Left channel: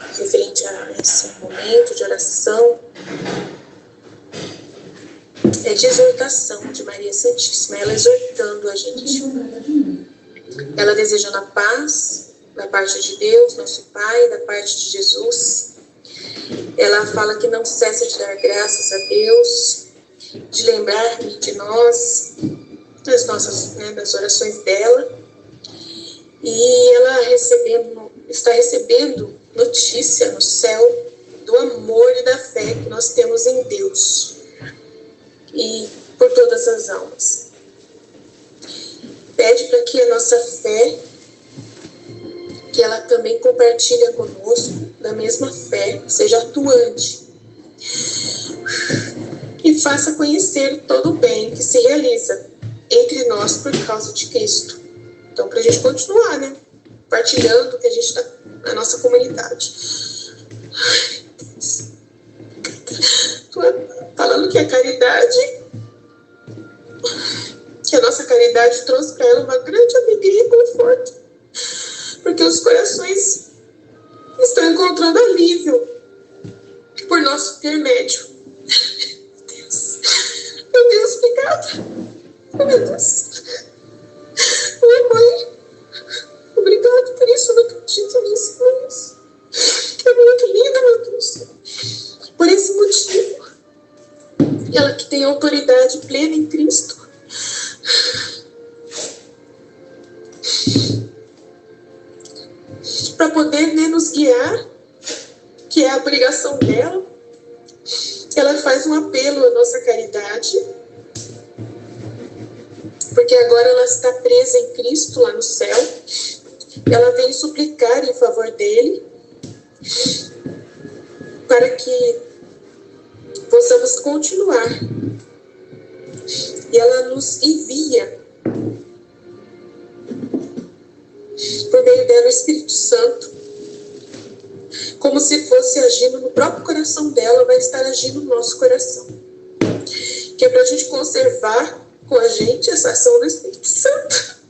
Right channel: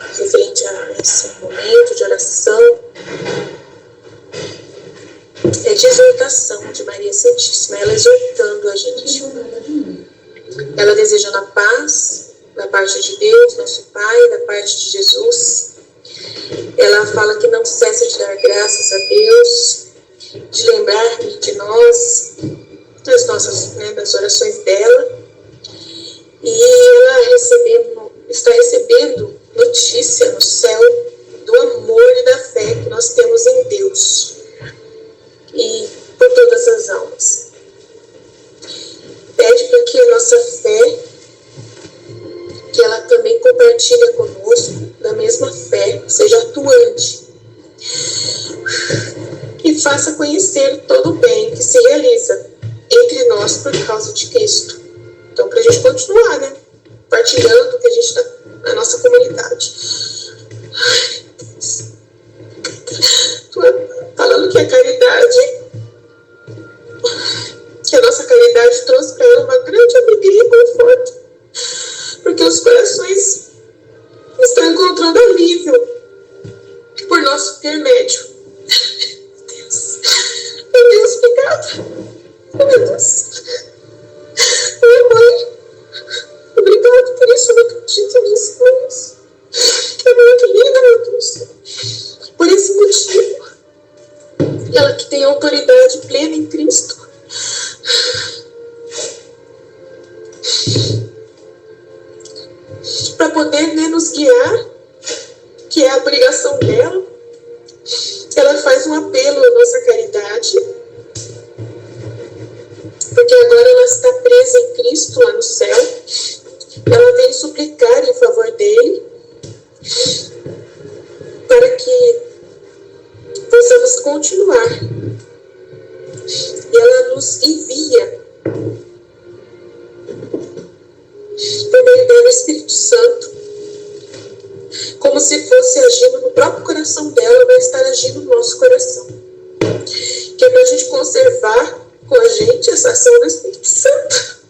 referente a esse momento de oração, é de exortação de Maria Santíssima, ela exortando a gente. Ela desejando a paz da parte de Deus, nosso Pai, da parte de Jesus. Ela fala que não cessa de dar graças a Deus, de lembrar de nós, das orações dela. E ela está recebendo notícia no céu do amor e da fé que nós temos em Deus e por todas as almas. Pede para que a nossa fé, que ela também compartilha conosco da mesma fé, seja atuante e faça conhecer todo o bem que se realiza entre nós por causa de Cristo. Então, para a gente continuar, né? Partilhando o que a gente está na nossa comunidade. Falando que a caridade, que a nossa caridade trouxe para ela uma grande alegria e conforto, porque os corações estão encontrando alívio por nosso intermédio. Meu Deus, obrigada. Meu Deus. Minha mãe, obrigado por isso, eu não acredito nisso, por isso. É muito linda, meu Deus. Por esse motivo, ela que tem autoridade plena em Cristo, para poder, né, nos guiar, que é a obrigação dela, ela faz um apelo à nossa caridade, porque agora ela está presa em Cristo lá no céu. Ela vem suplicar em favor dele, para que possamos continuar. E ela nos envia, por meio dela, o Espírito Santo, como se fosse agindo no próprio coração dela, vai estar agindo no nosso coração. Que é para a gente conservar com a gente essa ação do Espírito Santo,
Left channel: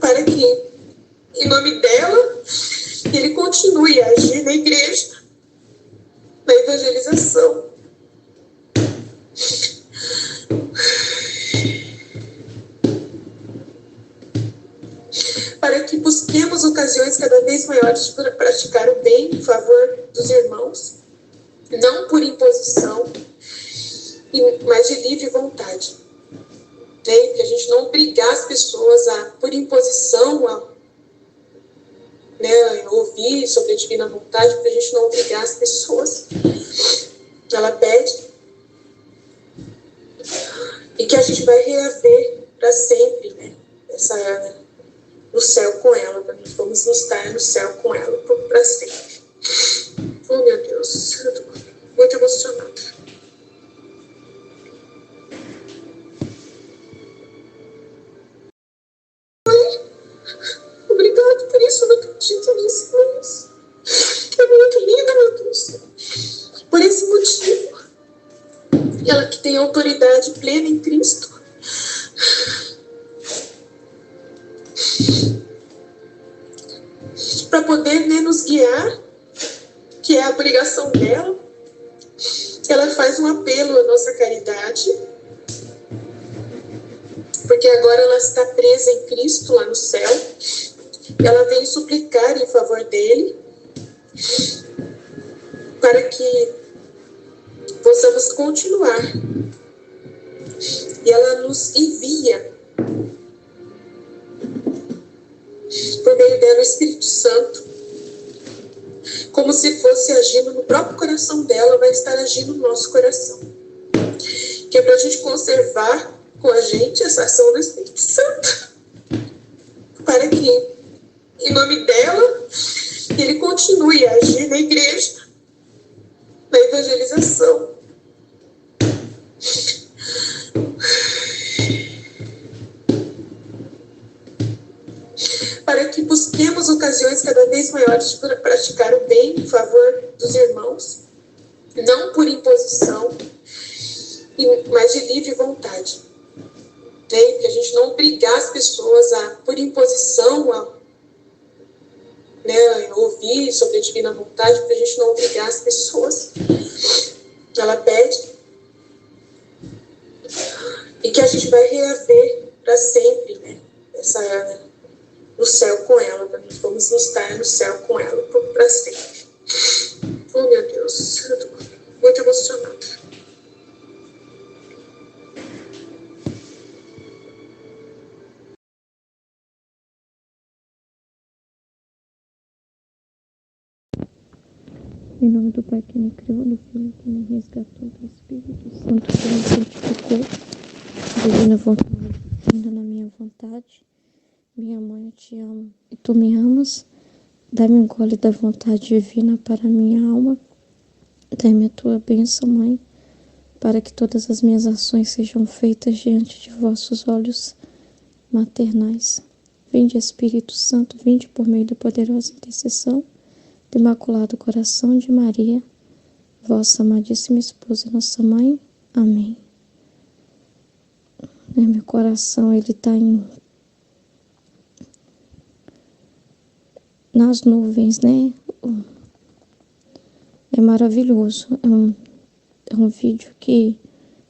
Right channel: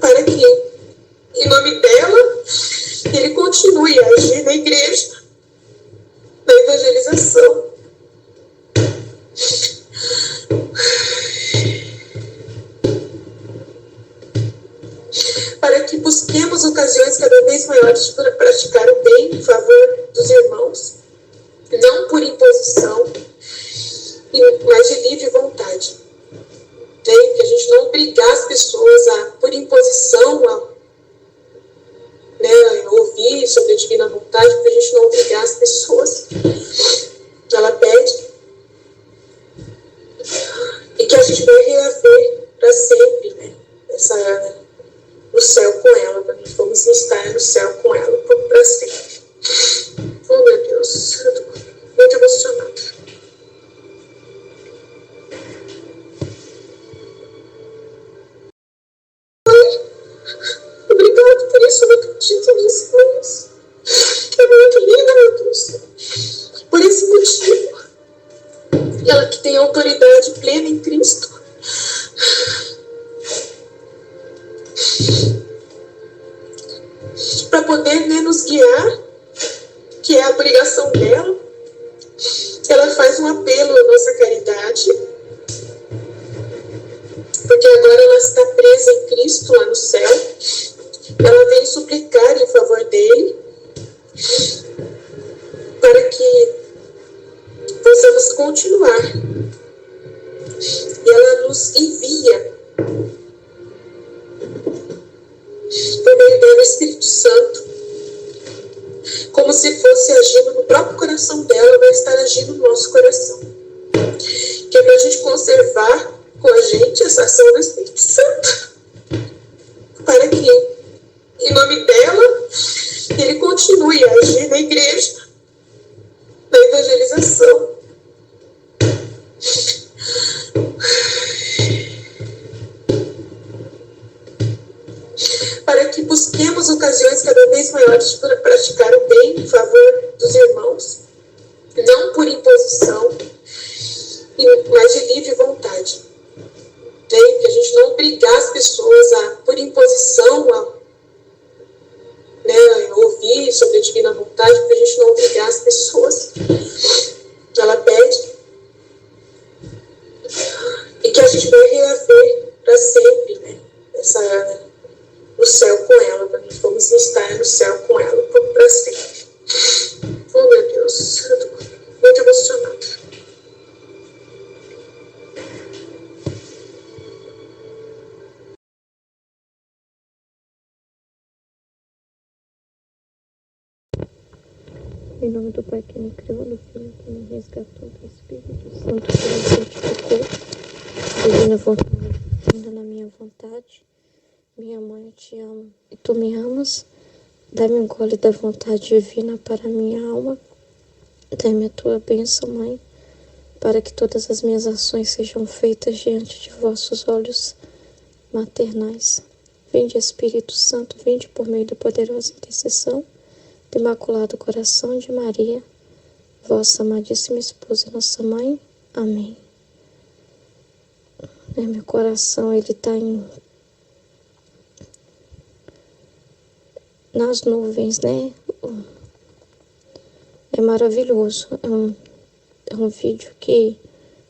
para que, em nome dela, ele continue a agir na igreja, na evangelização. Para que busquemos ocasiões cada vez maiores para praticar o bem em favor dos irmãos, não por imposição, mas de livre vontade. Que a gente não obrigar as pessoas por imposição, a ouvir sobre a divina vontade, para a gente não obrigar as pessoas. Ela pede e que a gente vai reaver para sempre, né, no céu com ela, para nós vamos estar no céu com ela para sempre. Oh, meu Deus, eu estou muito emocionada. Obrigado por isso, eu não acredito nisso, por isso. É muito linda, meu Deus. Por esse motivo, ela que tem autoridade plena em Cristo, para poder, né, nos guiar, que é a obrigação dela, ela faz um apelo à nossa caridade, porque agora ela está presa em Cristo lá no céu. Ela vem suplicar em favor dele, para que possamos continuar. E ela nos envia, por meio dela, o Espírito Santo, como se fosse agindo no próprio coração dela, vai estar agindo no nosso coração. Que é para a gente conservar com a gente essa ação do Espírito Santo, para que, em nome dela, ele continue a agir na igreja, na evangelização. Para que busquemos ocasiões cada vez maiores para praticar o bem em favor dos irmãos, não por imposição, mas de livre vontade. Que a gente não obrigar as pessoas por imposição, né, ouvir sobre a divina vontade, para a gente não obrigar as pessoas. Ela pede e que a gente vai reaver para sempre, né, no céu com ela, vamos estar no céu com ela para sempre. Oh, meu Deus, eu tô muito emocionada. Em nome do Pai que me criou, do Filho que me resgatou, do Espírito Santo que me santificou, divina vontade, ainda na minha vontade. Minha mãe, eu te amo e tu me amas. Dá-me um gole da vontade divina para a minha alma. Dá-me a tua bênção, Mãe, para que todas as minhas ações sejam feitas diante de vossos olhos maternais. Vinde, Espírito Santo, vinde por meio da poderosa intercessão do Imaculado Coração de Maria, vossa amadíssima esposa e nossa mãe. Amém. Meu coração, ele está nas nuvens, né? É maravilhoso. É um vídeo que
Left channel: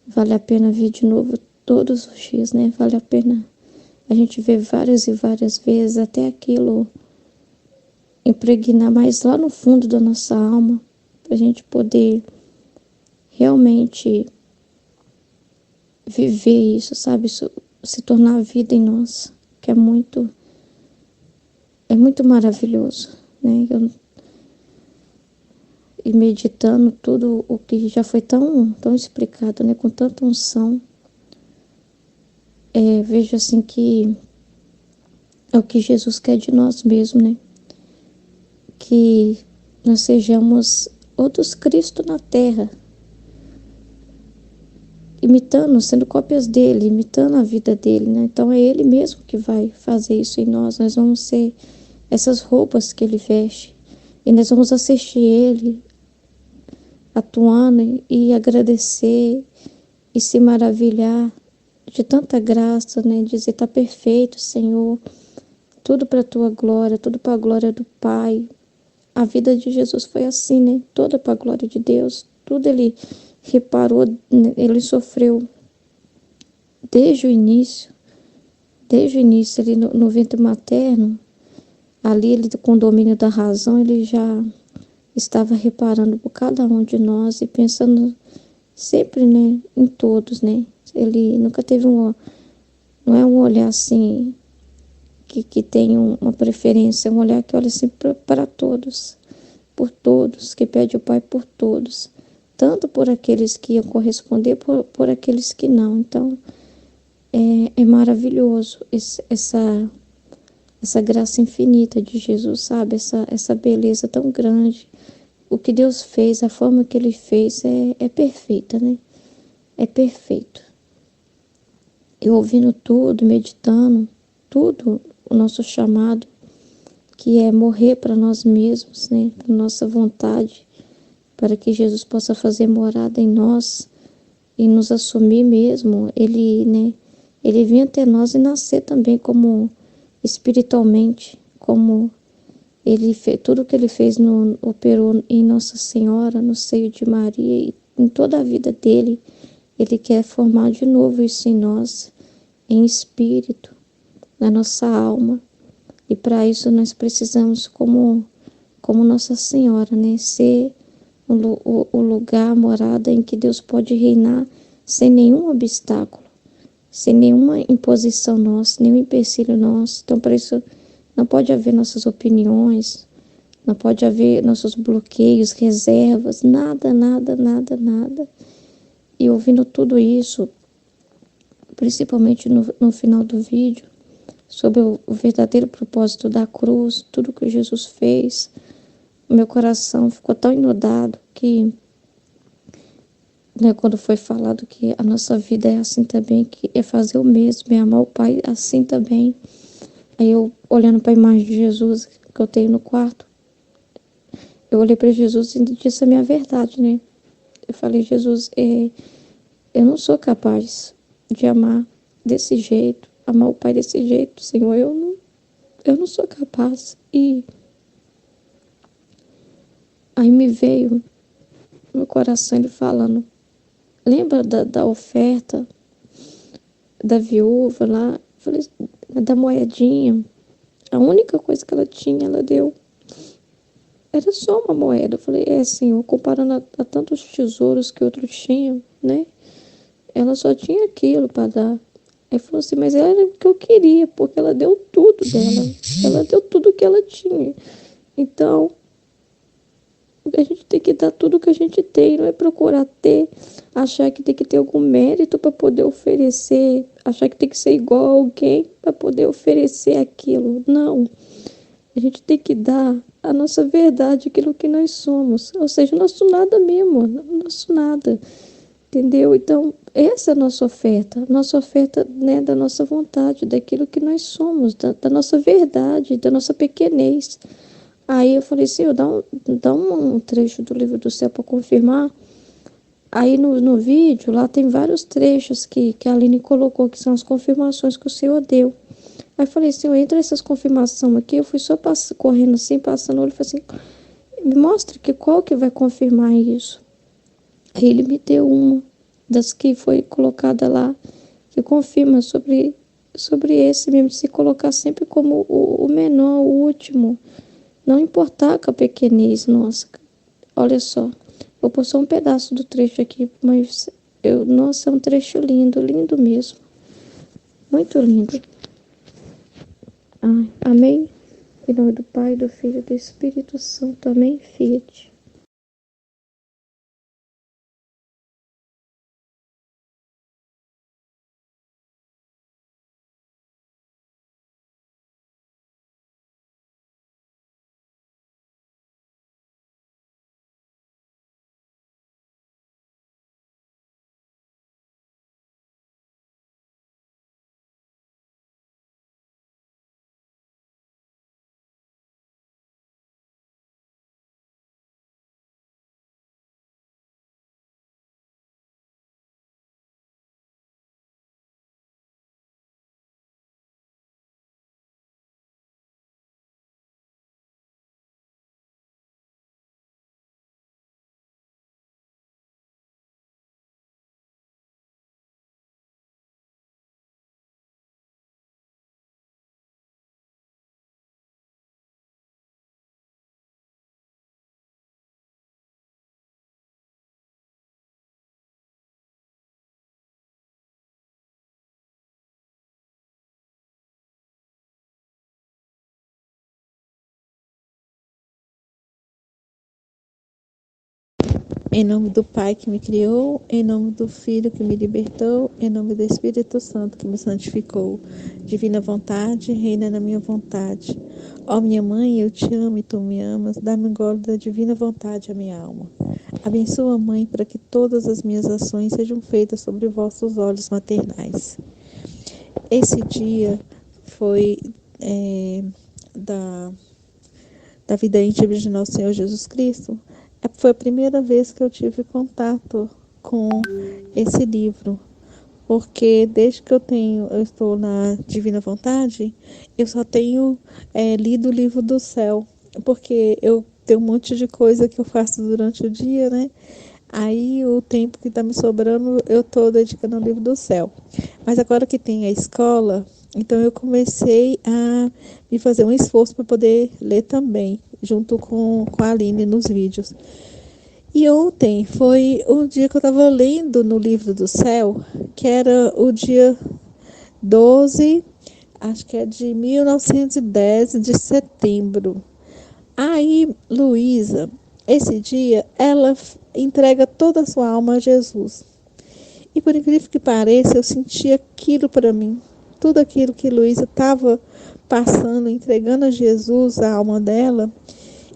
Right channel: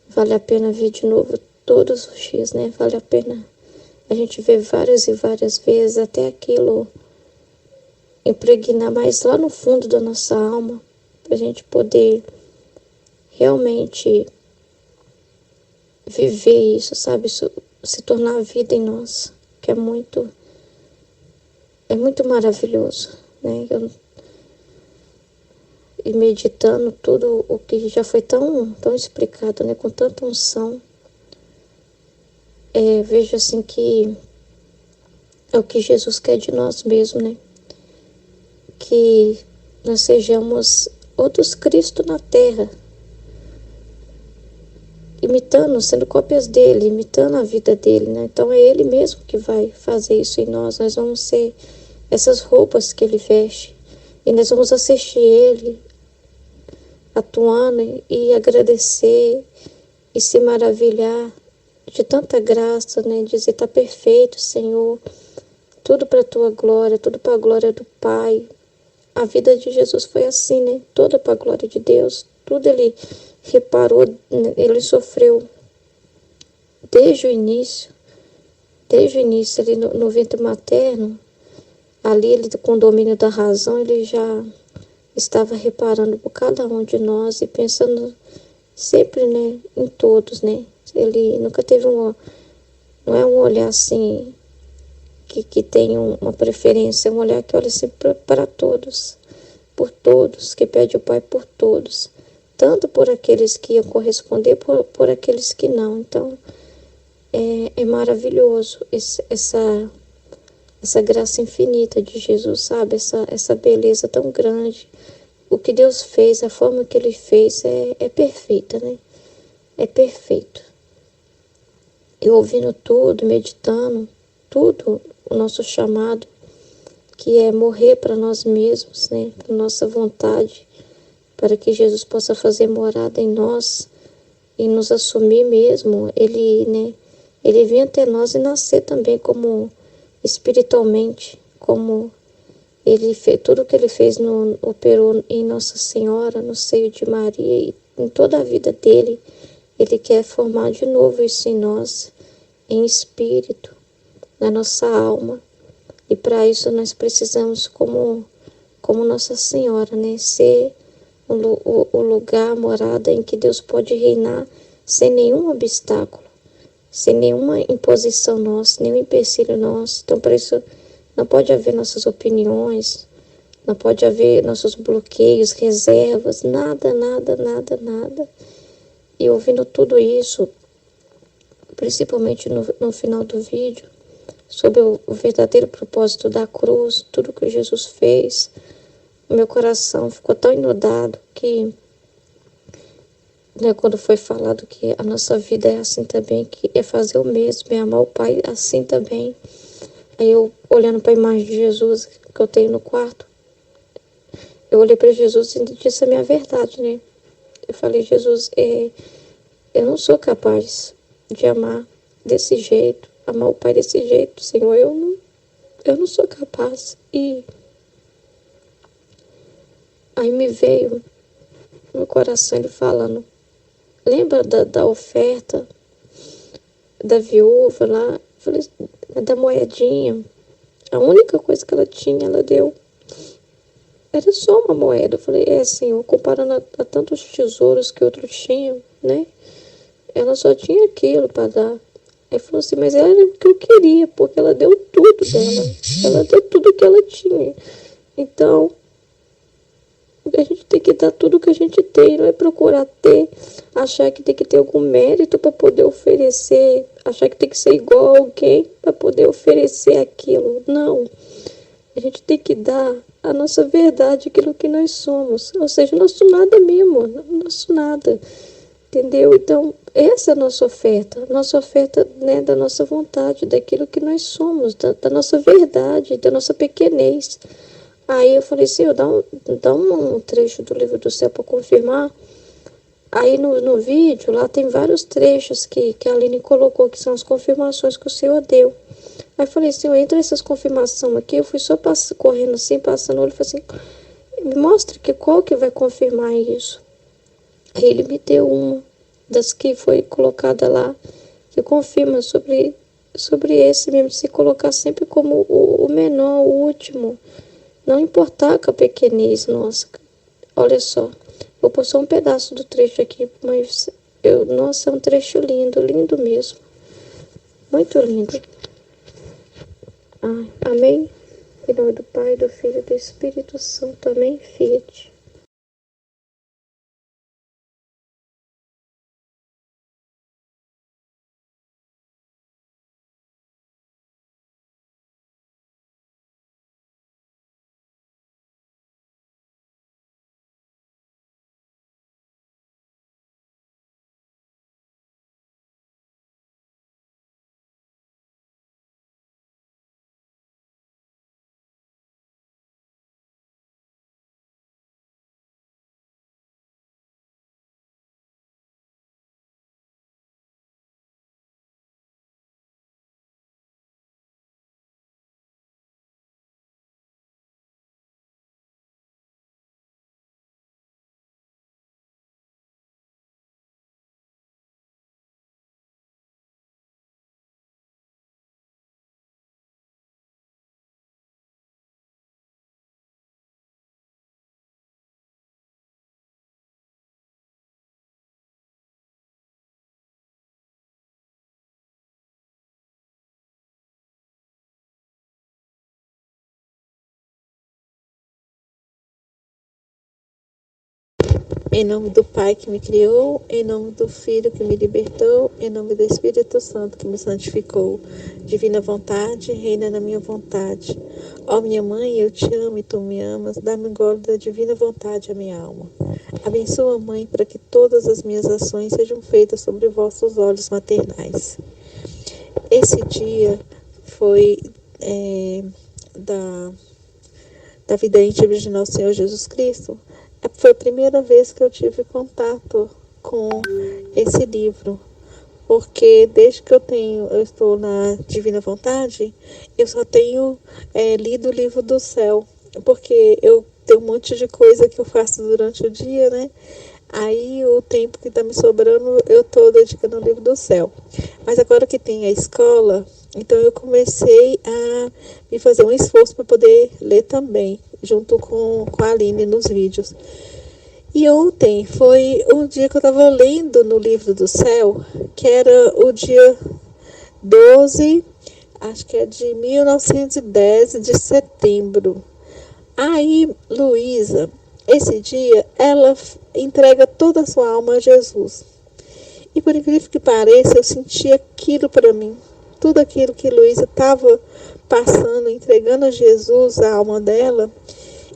vale a pena ver de novo todos os dias, né? Vale a pena a gente ver várias e várias vezes até aquilo impregnar mais lá no fundo da nossa alma, para a gente poder realmente viver isso, sabe? Isso se tornar a vida em nós, que é muito maravilhoso, né? E meditando tudo o que já foi tão explicado, né? Com tanta unção, vejo assim que é o que Jesus quer de nós mesmos, né? Que nós sejamos outros Cristo na terra, imitando, sendo cópias dele, imitando a vida dele, né? Então é ele mesmo que vai fazer isso em nós. Nós vamos ser essas roupas que ele veste e nós vamos assistir ele atuando e agradecer e se maravilhar de tanta graça, né? Dizer, tá perfeito, Senhor, tudo para a tua glória, tudo para a glória do Pai. A vida de Jesus foi assim, né? Toda para a glória de Deus. Tudo ele reparou, ele sofreu desde o início. Desde o início, ele no ventre materno, ali ele com o domínio da razão, ele já estava reparando por cada um de nós e pensando sempre, né, em todos, né? Ele nunca teve não é um olhar assim que tem uma preferência, é um olhar que olha sempre para todos, por todos, que pede o Pai por todos, tanto por aqueles que iam corresponder, por aqueles que não. Então, é maravilhoso essa graça infinita de Jesus, sabe? Essa beleza tão grande. O que Deus fez, a forma que Ele fez é perfeita, né? É perfeito. Eu ouvindo tudo, meditando, tudo, o nosso chamado, que é morrer para nós mesmos, né? Para nossa vontade, para que Jesus possa fazer morada em nós e nos assumir mesmo. Ele, né? Ele vir até nós e nascer também como espiritualmente, como ele fez, tudo que ele fez operou em Nossa Senhora, no seio de Maria e em toda a vida dele. Ele quer formar de novo isso em nós, em espírito, na nossa alma. E para isso nós precisamos, como Nossa Senhora, né? Ser o lugar, a morada em que Deus pode reinar sem nenhum obstáculo, sem nenhuma imposição nossa, nenhum empecilho nosso. Então, por isso, não pode haver nossas opiniões, não pode haver nossos bloqueios, reservas, nada, nada, nada, nada. E ouvindo tudo isso, principalmente no final do vídeo, sobre o verdadeiro propósito da cruz, tudo que Jesus fez, o meu coração ficou tão inundado que, né, quando foi falado que a nossa vida é assim também, que é fazer o mesmo, é amar o Pai assim também. Aí eu, olhando para a imagem de Jesus que eu tenho no quarto, eu olhei para Jesus e disse a minha verdade, né? Eu falei, Jesus, eu não sou capaz de amar desse jeito, amar o Pai desse jeito, Senhor, eu não sou capaz. E Aí me veio no meu coração ele falando, lembra da oferta da viúva lá? Eu falei, da moedinha. A única coisa que ela tinha, ela deu. Era só uma moeda. Eu falei, Senhor, comparando a tantos tesouros que outros tinham, né? Ela só tinha aquilo para dar. Aí falou assim, mas era o que eu queria, porque ela deu tudo dela. Ela deu tudo que ela tinha. Então, a gente tem que dar tudo que a gente tem, não é procurar ter, achar que tem que ter algum mérito para poder oferecer, achar que tem que ser igual a alguém para poder oferecer aquilo. Não. A gente tem que dar a nossa verdade, aquilo que nós somos. Ou seja, nosso nada mesmo, nosso nada. Entendeu? Então, essa é a nossa oferta, né, da nossa vontade, daquilo que nós somos, da nossa verdade, da nossa pequenez. Aí eu falei, Senhor, dá um trecho do livro do céu para confirmar. Aí no vídeo, lá tem vários trechos que a Aline colocou, que são as confirmações que o Senhor deu. Aí eu falei, Senhor, entre essas confirmações aqui, eu fui só correndo assim, passando o olho, falei assim, me mostra qual que vai confirmar isso. Aí ele me deu uma das que foi colocada lá, que confirma sobre esse mesmo, de se colocar sempre como o menor, o último. Não importar com a pequenez nossa. Olha só, vou pôr só um pedaço do trecho aqui, mas nossa, é um trecho lindo, lindo mesmo. Muito lindo. Ai, amém? Em nome do Pai, do Filho e do Espírito Santo. Amém, Fiat. Em nome do Pai que me criou, em nome do Filho que me libertou, em nome do Espírito Santo que me santificou. Divina vontade, reina na minha vontade. Ó minha mãe, eu te amo e tu me amas, dá-me um gole da divina vontade à minha alma. Abençoa, Mãe, para que todas as minhas ações sejam feitas sobre vossos olhos maternais. Esse dia foi da vida íntima de nosso Senhor Jesus Cristo. Foi a primeira vez que eu tive contato com esse livro, porque desde que eu estou na Divina Vontade, eu só tenho lido o livro do céu, porque eu tenho um monte de coisa que eu faço durante o dia, né? Aí o tempo que está me sobrando, eu estou dedicando ao livro do céu. Mas agora que tem a escola, então eu comecei a me fazer um esforço para poder ler também, junto com a Aline nos vídeos. E ontem foi um dia que eu estava lendo no livro do céu, que era o dia 12, acho que é de 1910, de setembro. Aí, Luísa, esse dia, ela entrega toda a sua alma a Jesus. E por incrível que pareça, eu senti aquilo para mim. Tudo aquilo que Luísa estava passando, entregando a Jesus a alma dela,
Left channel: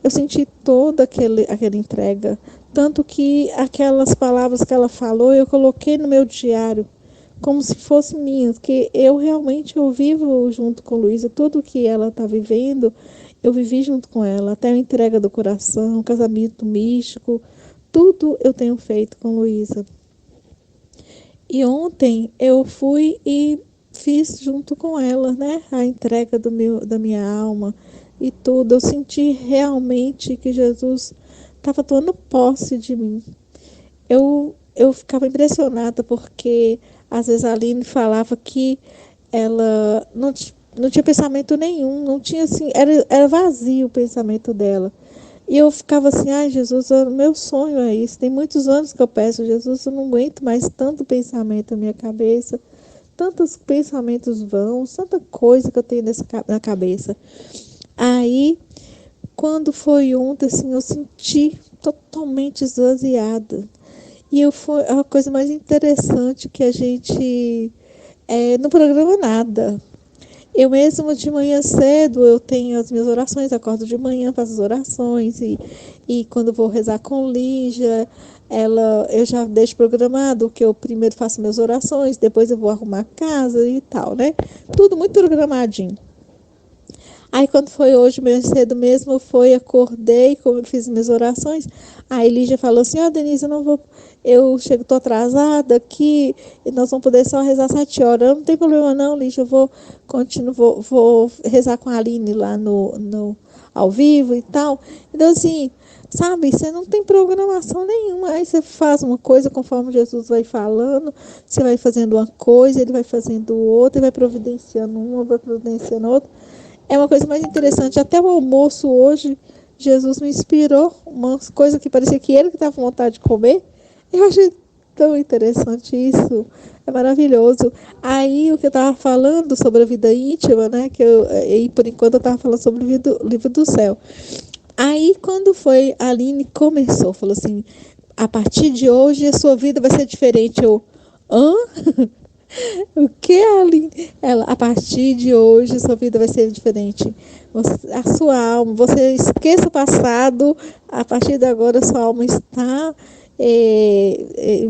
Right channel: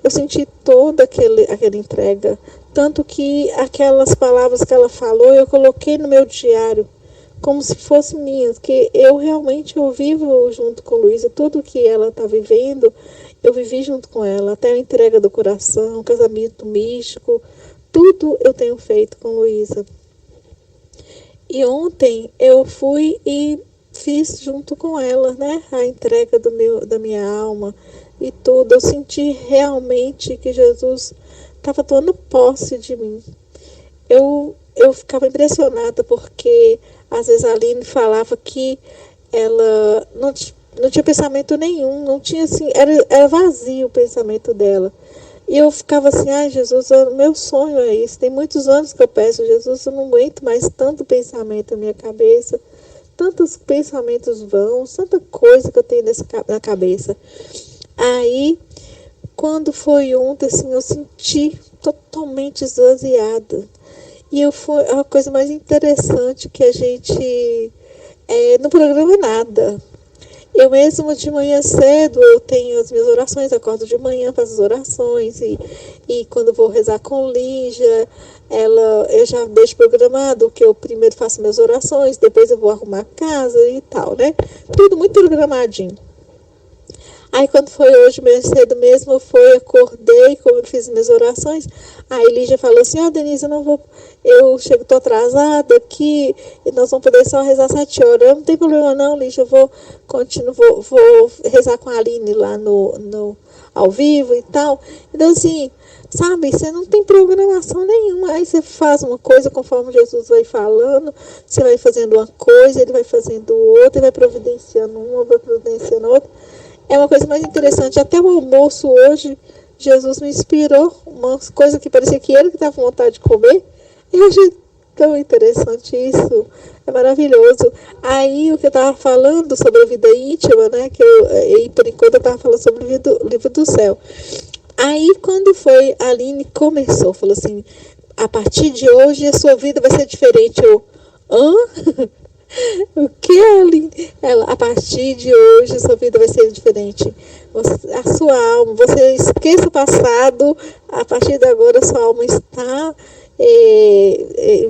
eu senti toda aquela entrega. Tanto que aquelas palavras que ela falou, eu coloquei no meu diário, como se fosse minha, que eu realmente vivo junto com Luísa. Tudo que ela está vivendo, eu vivi junto com ela. Até a entrega do coração, casamento místico, tudo eu tenho feito com Luísa. E ontem eu fui e fiz junto com ela, né, a entrega da minha alma e tudo. Eu senti realmente que Jesus estava tomando posse de mim. Eu ficava impressionada porque às vezes a Aline falava que ela não tinha pensamento nenhum, não tinha assim, era vazio o pensamento dela. E eu ficava assim, ai Jesus, meu sonho é isso. Tem muitos anos que eu peço, Jesus, eu não aguento mais tanto pensamento na minha cabeça, tantos pensamentos vãos, tanta coisa que eu tenho na cabeça. Aí, quando foi ontem, assim, eu senti totalmente esvaziada. Foi a coisa mais interessante que a gente não programa nada. Eu mesmo de manhã cedo, eu tenho as minhas orações, acordo de manhã, faço as orações e quando vou rezar com Lígia, eu já deixo programado que eu primeiro faço minhas orações, depois eu vou arrumar a casa e tal, né? Tudo muito programadinho. Aí quando foi hoje, meio cedo mesmo, acordei, como eu fiz minhas orações, aí Lígia falou assim, Denise, eu não vou, tô atrasada aqui, e nós vamos poder só rezar 7 horas. Não tem problema não, Lígia, eu vou rezar com a Aline lá ao vivo e tal. Então assim, sabe, você não tem programação nenhuma, aí você faz uma coisa conforme Jesus vai falando, você vai fazendo uma coisa, ele vai fazendo outra, ele vai providenciando uma, vai providenciando outra. É uma coisa mais interessante. Até o almoço hoje, Jesus me inspirou uma coisa que parecia que ele que estava com vontade de comer. Eu achei tão interessante isso. É maravilhoso. Aí o que eu estava falando sobre a vida íntima, né? E por enquanto eu estava falando sobre o livro do céu. Aí quando foi, a Aline começou, falou assim, a partir de hoje a sua vida vai ser diferente. Hã? O que, Aline? A partir de hoje, sua vida vai ser diferente. A sua alma, você esqueça o passado, a partir de agora, sua alma está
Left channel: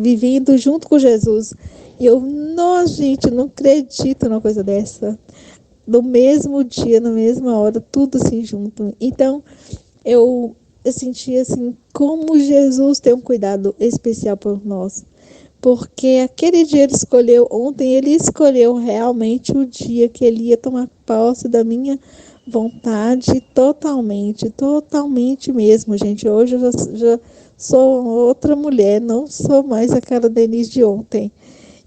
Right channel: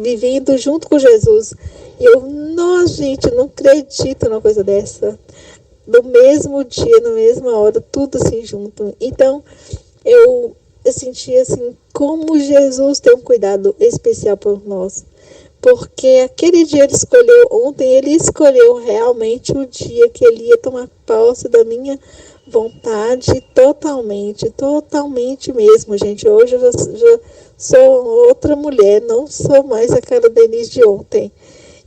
vivendo junto com Jesus. E nossa, gente, não acredito numa coisa dessa. No mesmo dia, na mesma hora, tudo assim junto. Então, eu senti assim, como Jesus tem um cuidado especial por nós. Porque aquele dia ele escolheu realmente o dia que ele ia tomar posse da minha vontade totalmente, totalmente mesmo, gente. Hoje eu já sou outra mulher, não sou mais aquela Denise de ontem.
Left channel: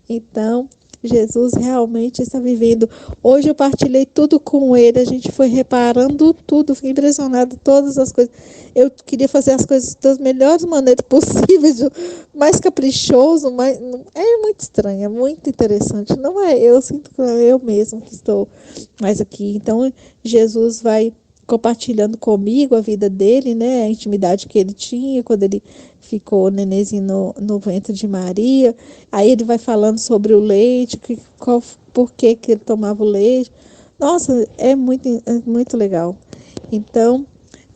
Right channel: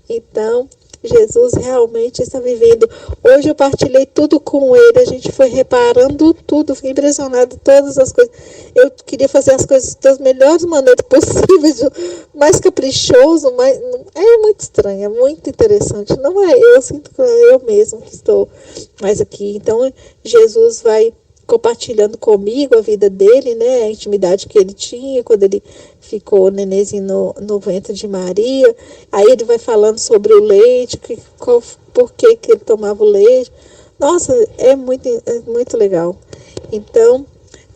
Então, Jesus realmente está vivendo. Hoje eu partilhei tudo com ele, a gente foi reparando tudo, fiquei impressionada, todas as coisas. Eu queria fazer as coisas das melhores maneiras possíveis, mais caprichoso, mais, é muito estranho, é muito interessante. Não é eu, sinto que é eu mesmo que estou mais aqui. Então, Jesus vai compartilhando comigo a vida dele, né, a intimidade que ele tinha quando ele ficou nenenzinho no ventre de Maria. Aí ele vai falando sobre o leite, por que ele tomava o leite. Nossa, é muito legal. Então,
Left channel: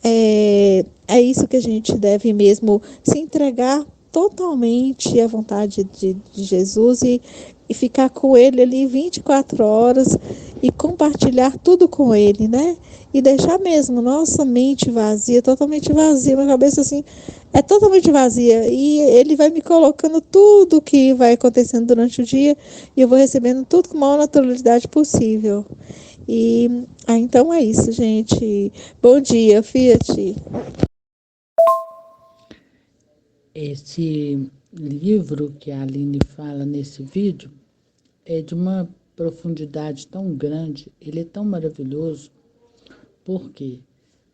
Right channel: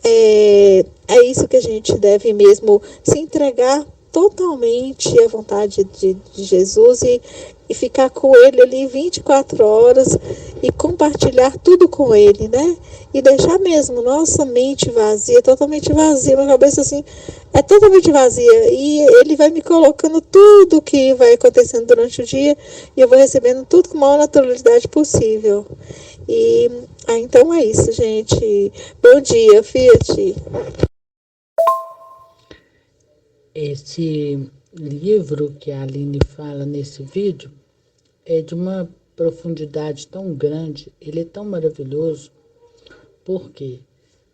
é isso que a gente deve mesmo se entregar totalmente à vontade de Jesus e ficar com ele ali 24 horas e compartilhar tudo com ele, né? E deixar mesmo nossa mente vazia, totalmente vazia, minha cabeça assim é totalmente vazia e ele vai me colocando tudo que vai acontecendo durante o dia e eu vou recebendo tudo com a maior naturalidade possível. Então é isso, gente. Bom dia, Fiat. Esse livro que a Aline fala nesse vídeo é de uma profundidade tão grande, ele é tão maravilhoso, porque,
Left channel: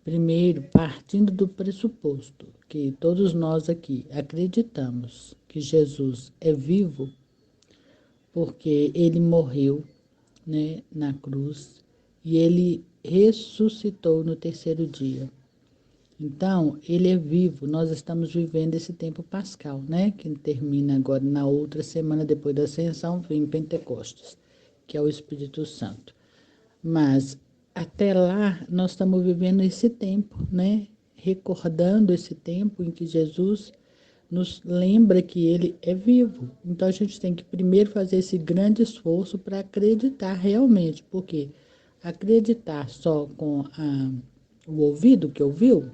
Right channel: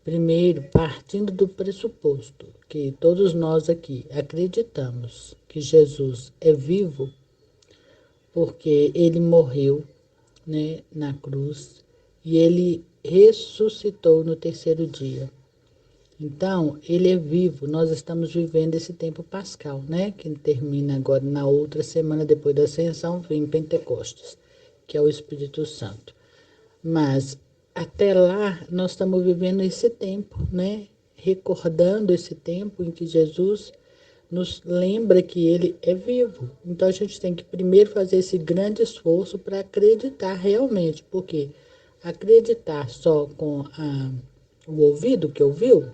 primeiro, partindo do pressuposto que todos nós aqui acreditamos que Jesus é vivo, porque ele morreu, né, na cruz e ele ressuscitou no terceiro dia. Então, ele é vivo, nós estamos vivendo esse tempo pascal, né? Que termina agora na outra semana depois da ascensão, vem Pentecostes, que é o Espírito Santo. Mas, até lá, nós estamos vivendo esse tempo, né? Recordando esse tempo em que Jesus nos lembra que ele é vivo. Então, a gente tem que primeiro fazer esse grande esforço para acreditar realmente, porque acreditar só com o ouvido que ouviu,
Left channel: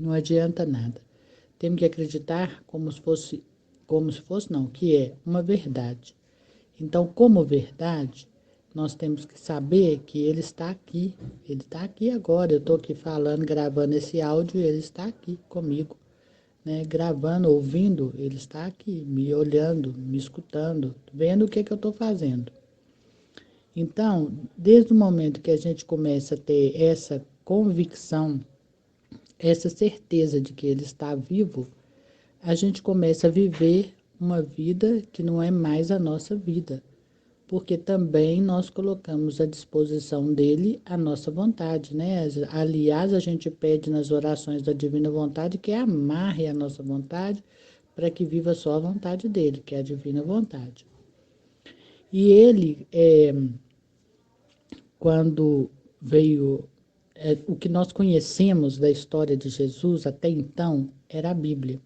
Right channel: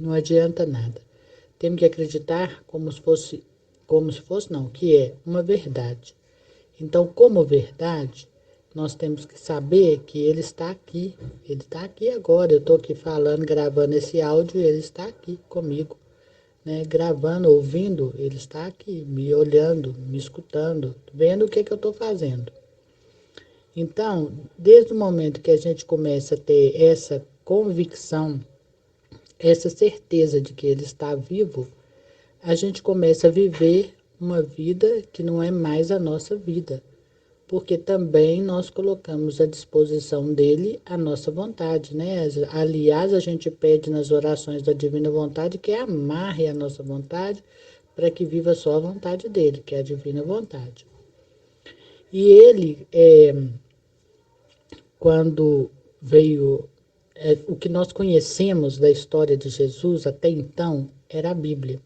não adianta nada. Temos que acreditar como se fosse não, que é uma verdade. Então, como verdade, nós temos que saber que ele está aqui. Ele está aqui agora. Eu estou aqui falando, gravando esse áudio e ele está aqui comigo. né, gravando, ouvindo, ele está aqui, me olhando, me escutando, vendo o que eu estou fazendo. Então, desde o momento que a gente começa a ter essa convicção, essa certeza de que ele está vivo, a gente começa a viver uma vida que não é mais a nossa vida, porque também nós colocamos à disposição dele a nossa vontade, né? Aliás, a gente pede nas orações da divina vontade que amarre a nossa vontade para que viva só a vontade dele, que é a divina vontade. E ele, quando veio, o que nós conhecemos da história de Jesus até então era a Bíblia.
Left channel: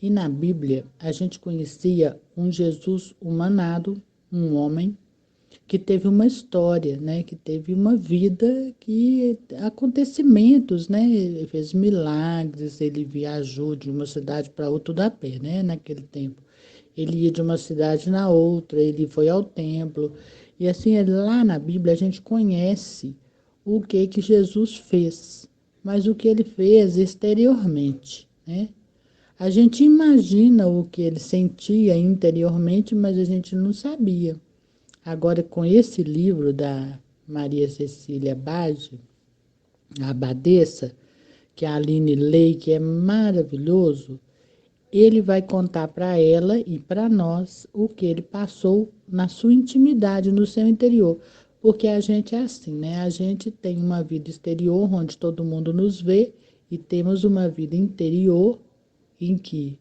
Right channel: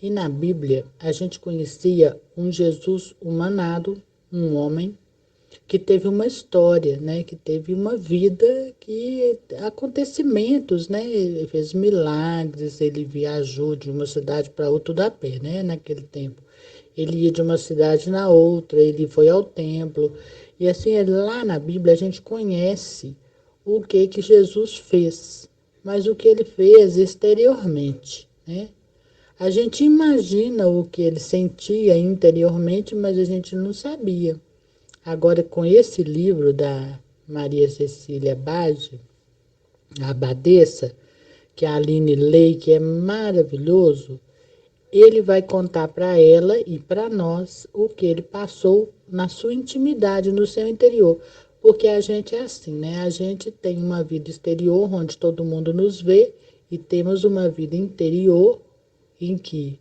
E na Bíblia a gente conhecia um Jesus humanado, um homem que teve uma história, né? Que teve uma vida, que acontecimentos, né? Ele fez milagres, ele viajou de uma cidade para outra tudo a pé, né? Naquele tempo. Ele ia de uma cidade na outra, ele foi ao templo. E assim, lá na Bíblia a gente conhece o que Jesus fez, mas o que ele fez exteriormente, né? A gente imagina o que ele sentia interiormente, mas a gente não sabia. Agora, com esse livro da Maria Cecília Bage, a abadesa, que a Aline lê, que é maravilhoso, ele vai contar para ela e para nós o que ele passou na sua intimidade, no seu interior. Porque a gente é assim, né? A gente tem uma vida exterior, onde todo mundo nos vê, e temos uma vida interior em que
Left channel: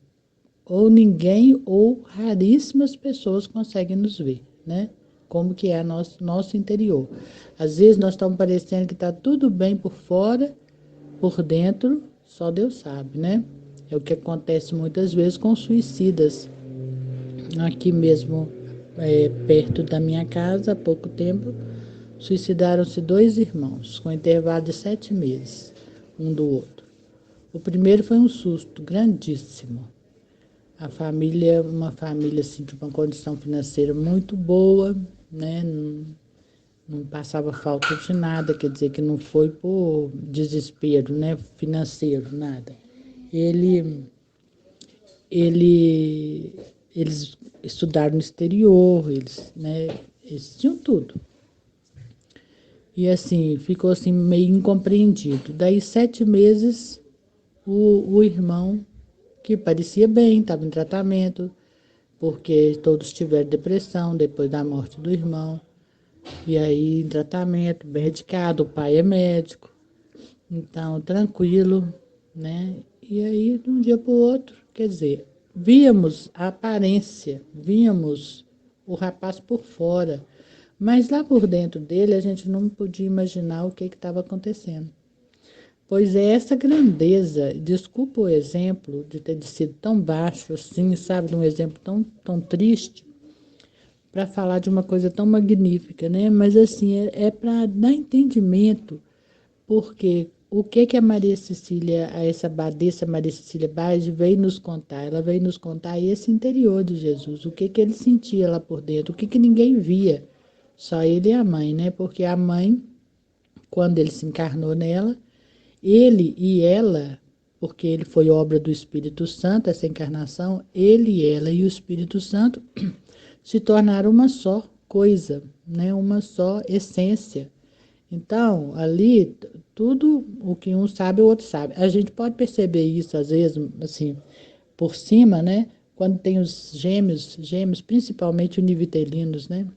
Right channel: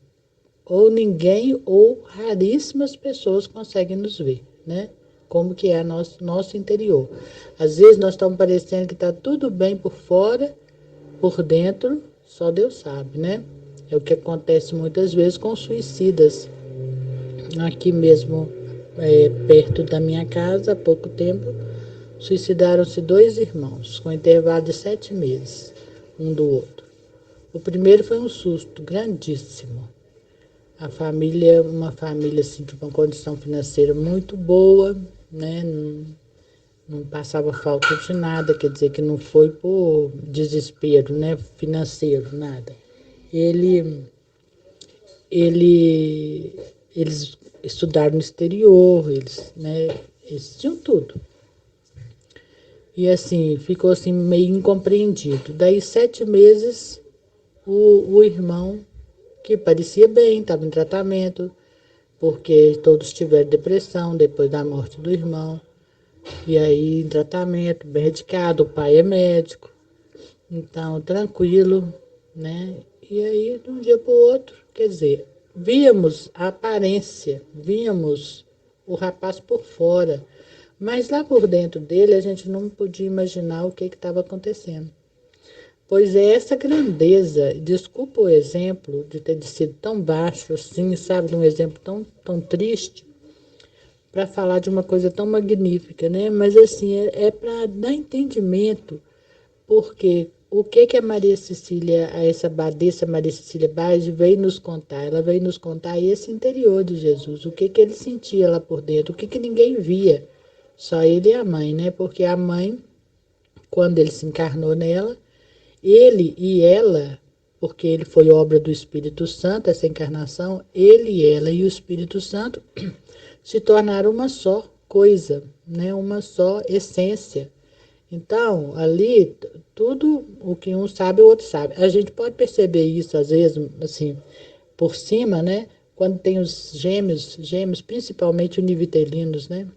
ou ninguém ou raríssimas pessoas conseguem nos ver, né? Como que é nosso interior. Às vezes nós estamos parecendo que está tudo bem por fora, por dentro, só Deus sabe, né? É o que acontece muitas vezes com suicidas. Aqui mesmo, perto da minha casa, há pouco tempo, suicidaram-se 2 irmãos, com intervalo de 7 meses, um do outro. O primeiro foi um susto grandíssimo. A família, uma família assim, de uma condição financeira muito boa, né? Não passava falta de nada, quer dizer que não foi por desespero, né? Financeiro, nada. Ele, eles estudaram no exterior, eles tinham tudo. E assim, ficou assim meio incompreendido. Daí 7 meses, o irmão, que parecia bem, estava em tratamento, porque todos tiveram depressão depois da morte do irmão. E aí, em tratamento, bem medicado, o pai é médico, então, tranquilo, né? E aí, de um dia para o outro, quer dizer, víamos a aparência, víamos o rapaz por fora, mas lá por dentro dele a gente não podia imaginar o que estava acontecendo. Pois é essa grandeza, desculpa o exemplo de ter sido tão baixo assim, sabe, de um exemplo tão triste, para falar de uma coisa tão magnífica, né? Mas assim, é para dar entendimento, porque o que a Maria Cecília, essa abadesa Maria Cecília Bage veio nos contar? Ela veio nos contar esse interior de Jesus, o que ele sentia lá por dentro, o que ninguém via, só ele e a mãe, né? Porque a mãe, quando ele se encarnou nela, ele e ela, porque ele foi obra do Espírito Santo, essa encarnação, ele, ela e o Espírito Santo se tornaram uma só coisa, né? Uma só essência. Então, ali, tudo o que um sabe, o outro sabe. A gente pode perceber isso, às vezes, assim, por cima, né? Quando tem os gêmeos, principalmente univitelinos, né?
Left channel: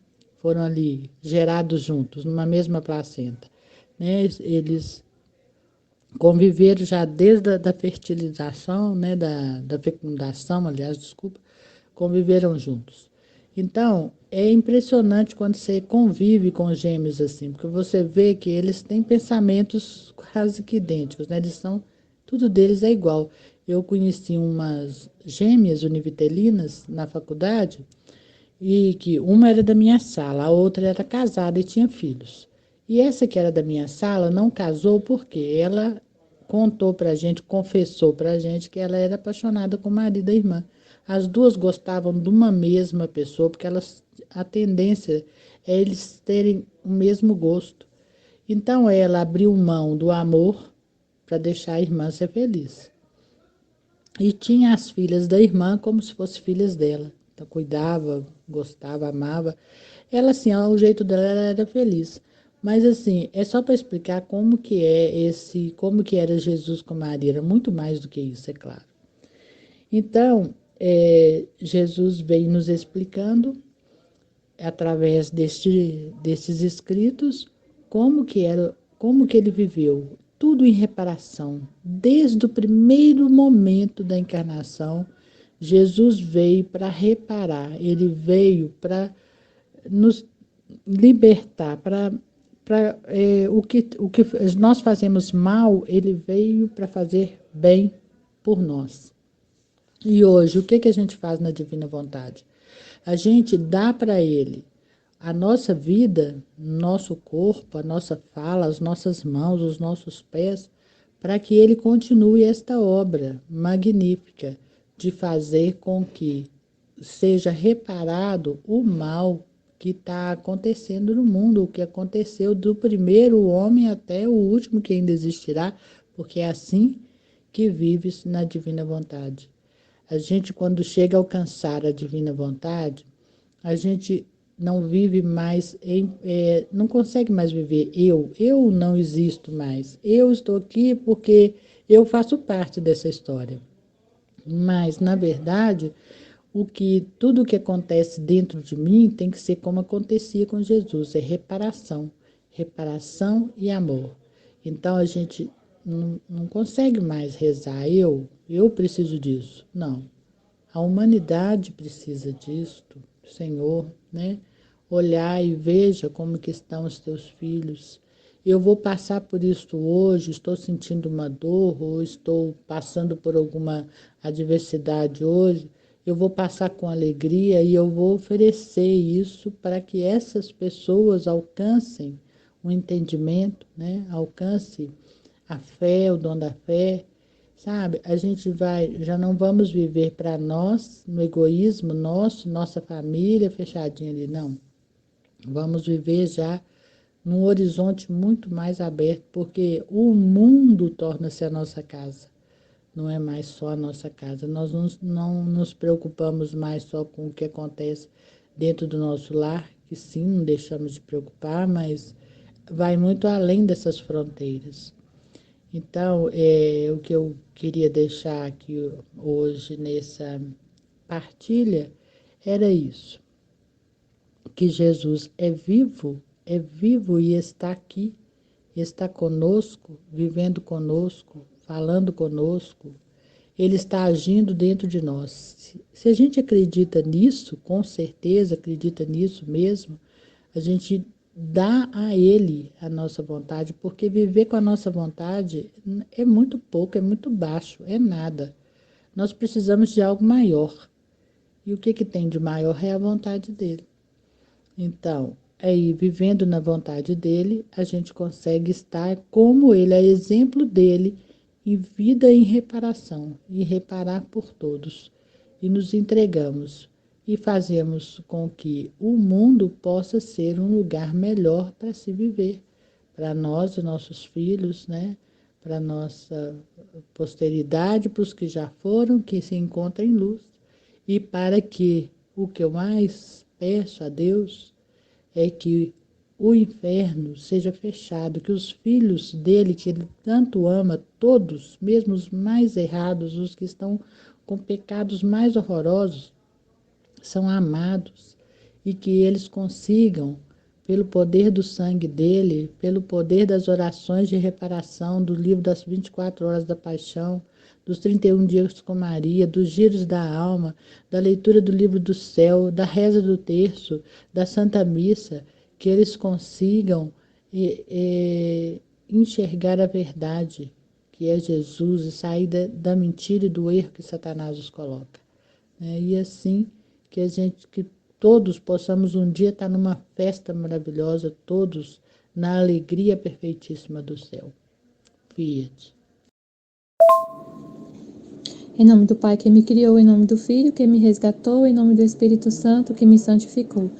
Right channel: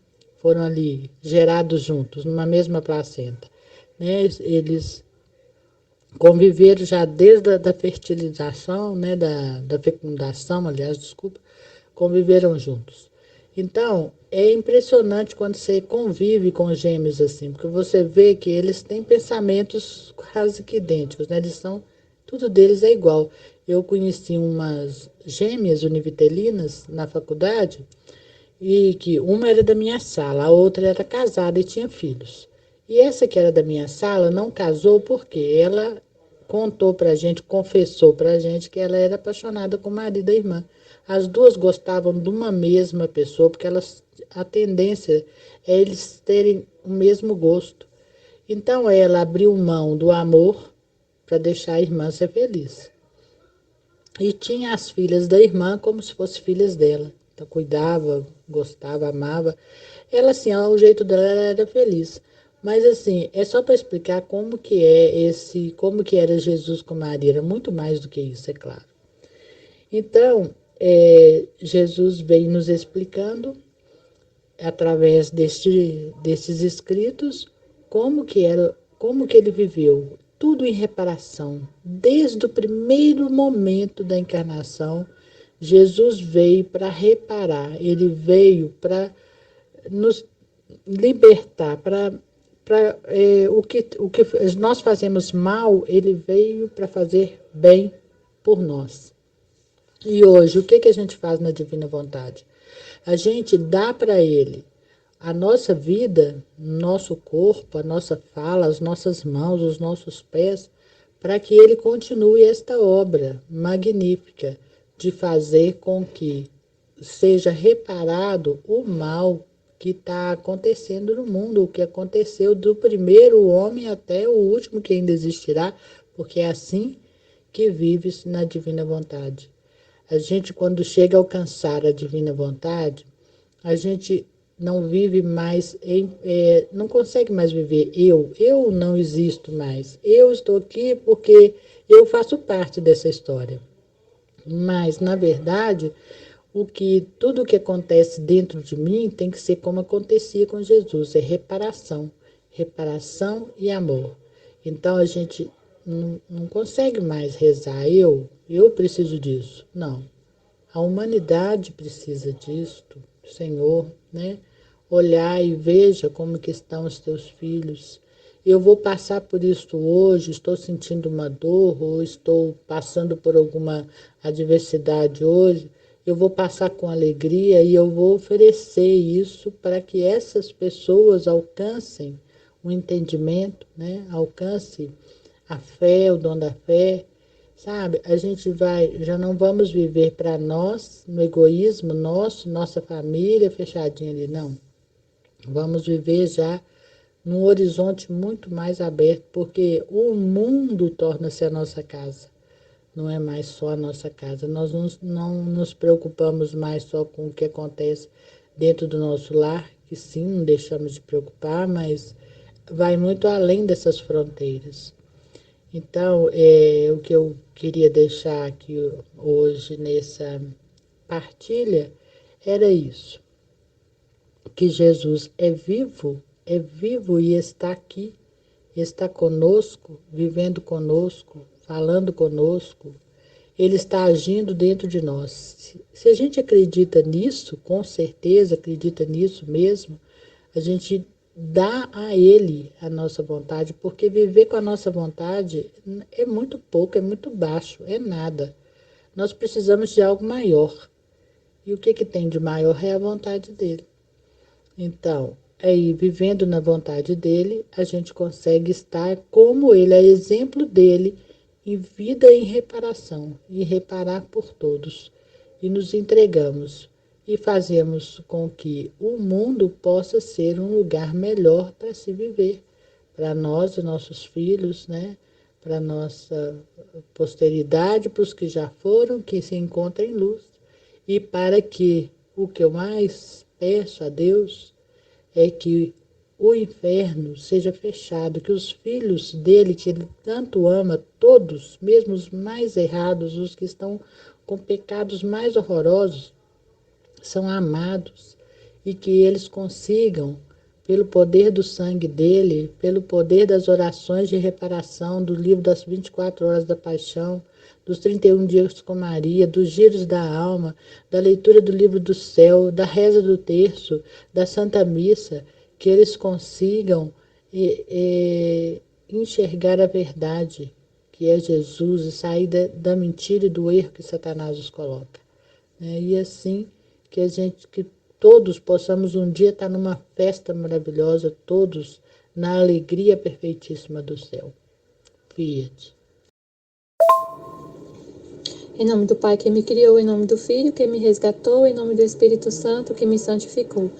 Foram ali gerados juntos, numa mesma placenta, né? Eles conviveram já desde a da fertilização, né? Da fecundação, aliás, desculpa, conviveram juntos. Então, é impressionante quando você convive com gêmeos assim, porque você vê que eles têm pensamentos quase que idênticos, né? Tudo deles é igual. Eu conheci umas gêmeas univitelinas na faculdade, e que uma era da minha sala, a outra era casada e tinha filhos. E essa que era da minha sala não casou porque ela contou pra gente, confessou pra gente que ela era apaixonada com o marido da irmã. As duas gostavam de uma mesma pessoa, porque a tendência é eles terem o mesmo gosto. Então ela abriu mão do amor para deixar a irmã ser feliz. e tinha as filhas da irmã como se fossem filhas dela. Então cuidava, gostava, amava. Ela assim, ao jeito dela, ela era feliz. Mas assim, é só para explicar como que era Jesus com Maria, era muito mais do que isso, é claro. Então, Jesus vem nos explicando através destes escritos como que ele viveu, tudo em reparação. Desde o primeiro momento da encarnação, Jesus veio para reparar, ele veio para nos libertar, o que nós fazemos mal, ele veio para fazer bem por nós. E hoje, o que a gente faz na Divina Vontade? A gente dá para ele a nossa vida, nosso corpo, a nossa fala, as nossas mãos, os nossos pés, para que ele continue esta obra magnífica de fazer com que seja reparado o mal que está acontecendo no mundo, o que aconteceu do primeiro homem até o último que ainda existirá, porque é assim que vive na Divina Vontade. A gente, quando chega a alcançar a Divina Vontade, a gente não vive mais, não consegue mais viver eu não existo mais, eu estou aqui porque eu faço parte dessa história. Mas, na verdade, tudo que acontece dentro de mim tem que ser como acontecia com Jesus, é reparação, reparação e amor. Então a gente não consegue mais rezar, eu preciso disso. Não. A humanidade precisa disto, Senhor, né? Olhar e veja como que estão os teus filhos. Eu vou passar por isto hoje, estou sentindo uma dor, ou estou passando por alguma adversidade hoje. Eu vou passar com alegria e eu vou oferecer isso para que essas pessoas alcancem o entendimento, né? Alcance a fé, o dom da fé. Sabe, a gente já não vamos viver para nós, no egoísmo nosso, nossa família fechadinha ali, não. Vamos viver já num horizonte muito mais aberto, porque o mundo torna-se a nossa casa, não é mais só a nossa casa. Nós não nos preocupamos mais só com o que acontece dentro do nosso lar, que sim, não deixamos de preocupar, mas vai muito além dessas fronteiras. Então, o que eu queria deixar aqui hoje nessa partilha era isso, que Jesus é vivo e está aqui, está conosco, vivendo conosco, falando conosco, ele está agindo dentro de nós. Se a gente acredita nisso, com certeza acredita nisso mesmo, a gente dá a ele a nossa vontade, porque viver com a nossa vontade é muito pouco, é muito baixo, é nada. Nós precisamos de algo maior. E o que tem de maior é a vontade dele. Então, aí, vivendo na vontade dele, a gente consegue estar como ele, é exemplo dele, em vida e em reparação, e reparar por todos. E nos entregamos e fazemos com que o mundo possa ser um lugar melhor para se viver, para nós e nossos filhos, né? Para nossa posteridade, para os que já foram, que se encontrem em luz, e para que o que eu mais peço a Deus é que o inferno seja fechado, que os filhos dele, que ele tanto ama, todos, mesmo os mais errados, os que estão com pecados mais horrorosos, são amados e que eles consigam, pelo poder do sangue dele, pelo poder das orações de reparação, do livro das 24 horas da paixão, dos 31 dias com Maria, dos giros da alma, da leitura do livro do céu, da reza do terço, da Santa Missa, que eles consigam enxergar a verdade, que é Jesus, e sair da mentira e do erro que Satanás os coloca. E assim que todos possamos um dia estar numa festa maravilhosa, todos na alegria perfeitíssima do céu. Fiat. Em nome do Pai que me criou, em nome do Filho que me resgatou, em nome do Espírito Santo que me santificou.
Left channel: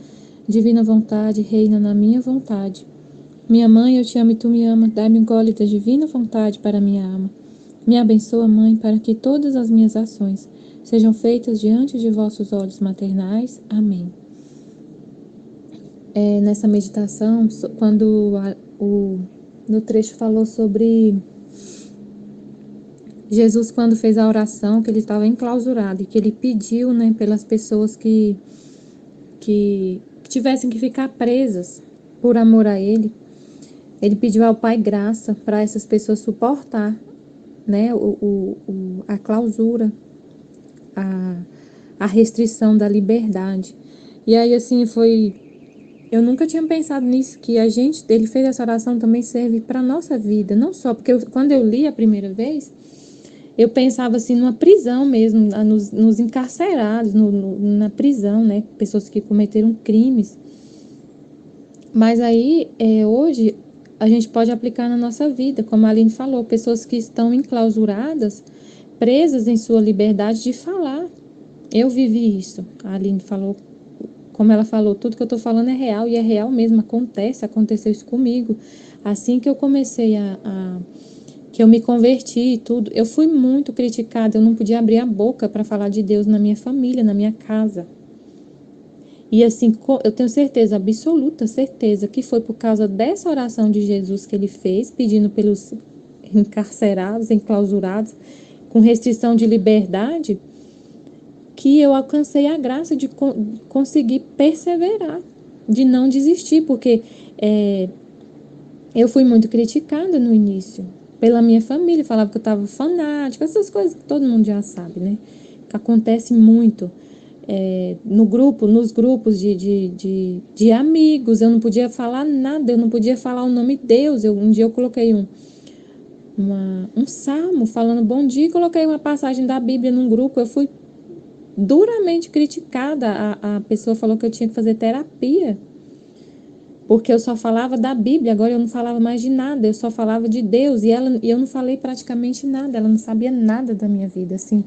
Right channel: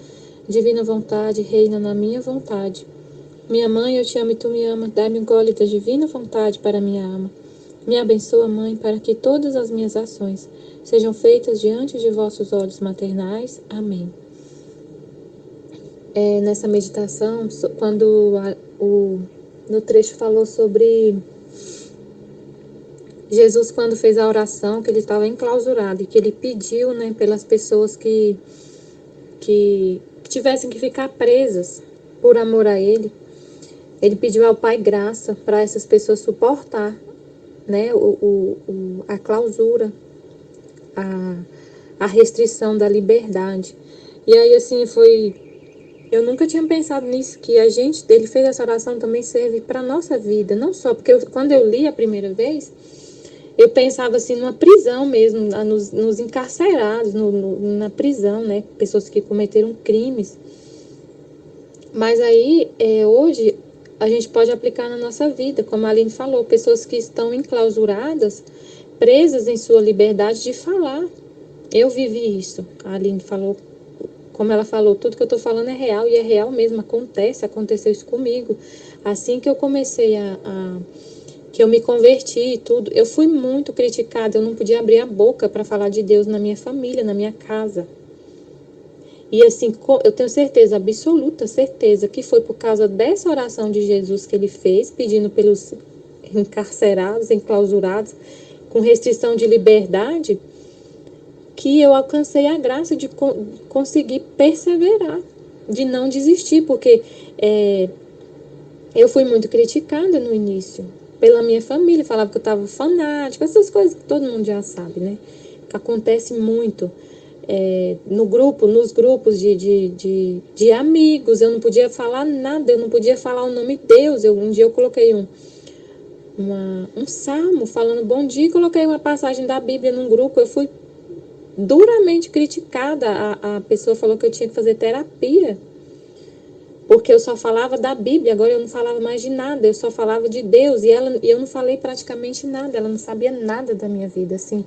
Divina vontade, reina na minha vontade. Minha mãe, eu te amo e tu me amas, dai-me um gole da divina vontade para minha alma. Me abençoa, Mãe, para que todas as minhas ações sejam feitas diante de vossos olhos maternais. Amém. Nessa meditação, quando no trecho falou sobre Jesus, quando fez a oração, que ele estava enclausurado e que ele pediu, né, pelas pessoas que tivessem que ficar presas por amor a ele. Ele pediu ao Pai graça para essas pessoas suportar, né, a clausura, a restrição da liberdade. E aí, assim, eu nunca tinha pensado nisso, que ele fez essa oração também serve para nossa vida, não só, porque quando eu li a primeira vez, eu pensava assim numa prisão mesmo, nos encarcerados, na prisão, né, pessoas que cometeram crimes. Mas aí, hoje, a gente pode aplicar na nossa vida, como a Aline falou, pessoas que estão enclausuradas, presas em sua liberdade de falar. Eu vivi isso, a Aline falou. Como ela falou, tudo que eu estou falando é real, e é real mesmo, aconteceu isso comigo. Assim que eu comecei que eu me converti e tudo, eu fui muito criticada, eu não podia abrir a boca para falar de Deus na minha família, na minha casa. E assim, eu tenho certeza, absoluta certeza, que foi por causa dessa oração de Jesus que ele fez, pedindo pelos encarcerados, enclausurados, com restrição de liberdade, que eu alcancei a graça de conseguir perseverar, de não desistir, porque eu fui muito criticada no início, pela minha família, falava que eu estava fanática, essas coisas que todo mundo já sabe, né? Que acontece muito nos grupos de amigos, eu não podia falar nada, eu não podia falar o nome de Deus. Um dia eu coloquei um salmo falando bom dia, e coloquei uma passagem da Bíblia num grupo, eu fui duramente criticada. A pessoa falou que eu tinha que fazer terapia, porque eu só falava da Bíblia, agora eu não falava mais de nada, eu só falava de Deus, e eu não falei praticamente nada, ela não sabia nada da minha vida, assim,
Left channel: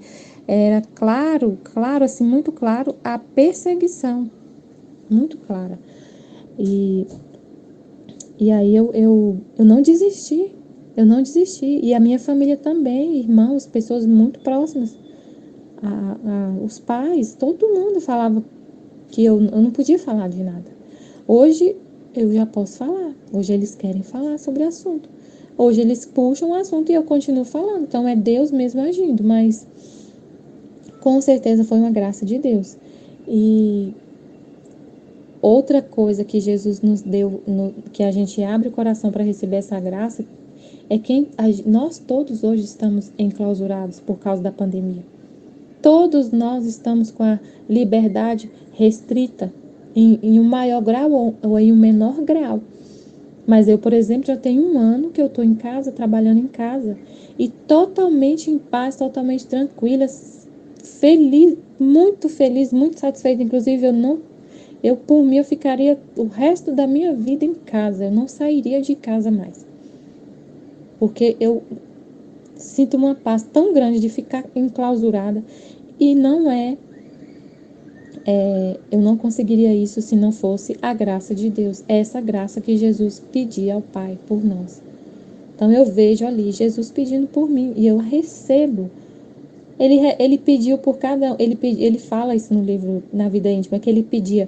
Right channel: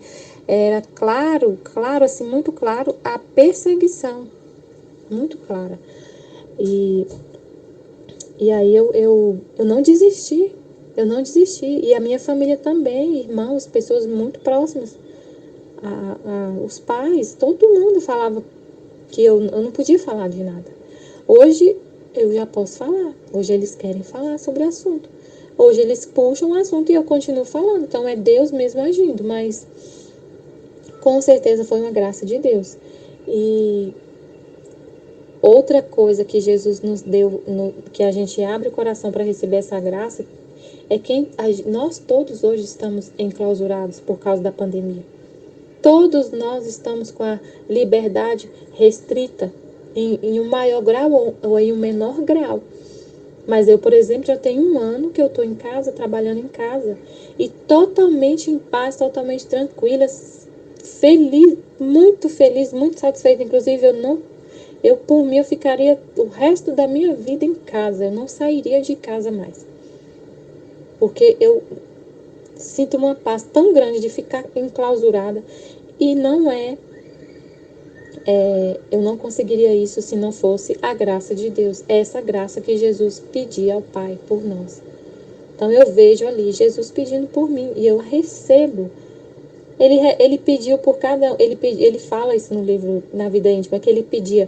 era claro, assim, muito claro, a perseguição, muito clara, e aí eu não desisti, e a minha família também, irmãos, pessoas muito próximas, os pais, todo mundo falava que eu não podia falar de nada. Hoje eu já posso falar. Hoje eles querem falar sobre o assunto. Hoje eles puxam o assunto e eu continuo falando. Então é Deus mesmo agindo, mas com certeza foi uma graça de Deus. E outra coisa que Jesus nos deu, que a gente abre o coração para receber essa graça, é que nós todos hoje estamos enclausurados por causa da pandemia. Todos nós estamos com a liberdade restrita em um maior grau ou em um menor grau. Mas eu, por exemplo, já tenho 1 ano que eu estou em casa, trabalhando em casa, e totalmente em paz, totalmente tranquila, feliz, muito satisfeita. Inclusive, eu por mim, eu ficaria o resto da minha vida em casa, eu não sairia de casa mais. Porque eu sinto uma paz tão grande de ficar enclausurada, e eu não conseguiria isso se não fosse a graça de Deus, essa graça que Jesus pedia ao Pai por nós. Então eu vejo ali Jesus pedindo por mim e eu recebo. Ele pediu por cada um, ele fala isso no livro Na Vida Íntima, que ele pedia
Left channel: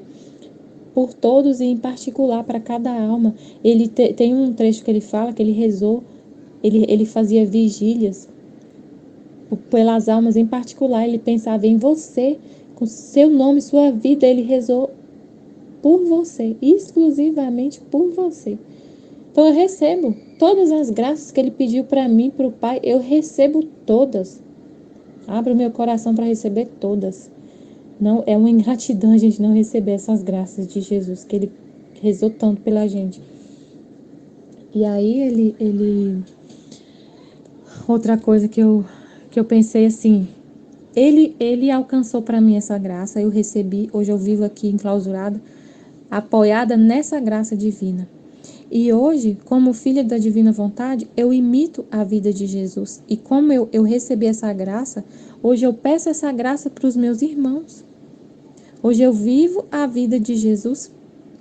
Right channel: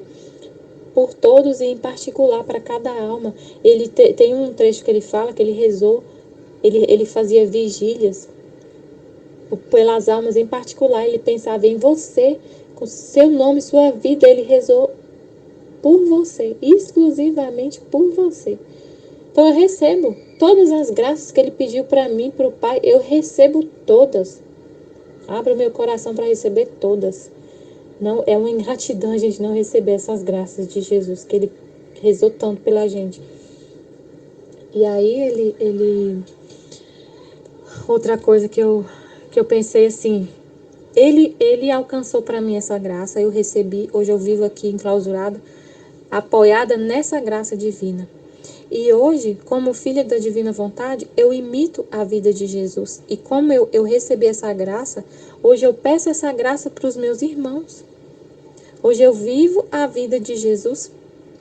por todos e em particular para cada alma. Ele tem um trecho que ele fala que ele rezou, ele fazia vigílias pelas almas em particular, ele pensava em você, com seu nome, sua vida, ele rezou por você, exclusivamente por você. Então eu recebo todas as graças que ele pediu para mim, para o Pai, eu recebo todas. Abro meu coração para receber todas. Não é uma ingratidão a gente não receber essas graças de Jesus, que ele rezou tanto pela gente. E aí outra coisa que eu pensei assim, ele alcançou para mim essa graça, eu recebi, hoje eu vivo aqui enclausurada, apoiada nessa graça divina. E hoje, como filha da divina vontade, eu imito a vida de Jesus. E como eu recebi essa graça, hoje eu peço essa graça para os meus irmãos. Hoje eu vivo a vida de Jesus,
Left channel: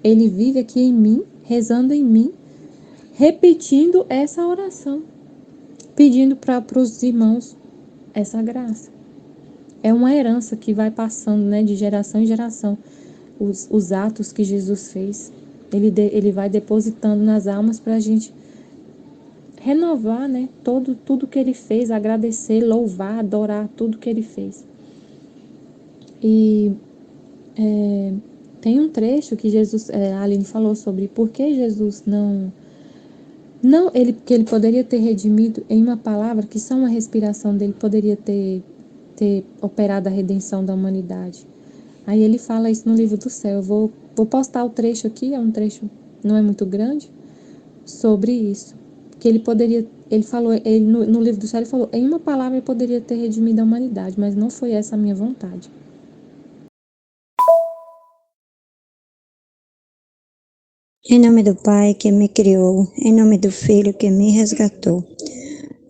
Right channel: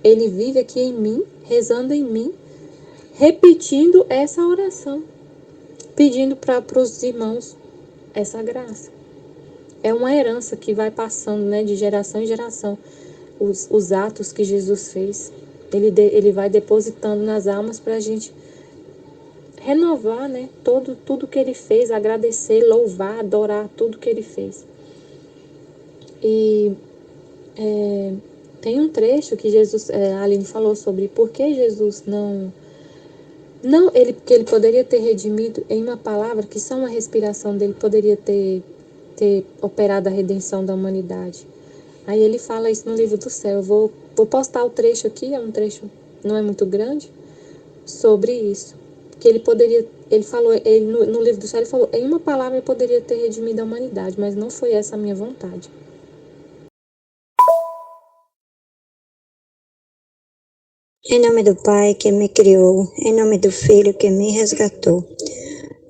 ele vive aqui em mim, rezando em mim, repetindo essa oração. pedindo para os irmãos essa graça. É uma herança que vai passando, né, de geração em geração. Os atos que Jesus fez, ele vai depositando nas almas para a gente renovar, né, tudo que ele fez, agradecer, louvar, adorar tudo que ele fez. E tem um trecho que a Aline falou sobre por que Jesus que ele poderia ter redimido em uma palavra, que só uma respiração dele poderia ter operado a redenção da humanidade. Aí ele fala isso no livro do céu. Eu vou postar o trecho aqui, é um trecho, não é muito grande, sobre isso. Que ele falou, no livro do céu ele falou, em uma palavra ele poderia ter redimido a humanidade, mas não foi essa a minha vontade. Em nome do Pai que me criou, em nome do Filho que me resgatou,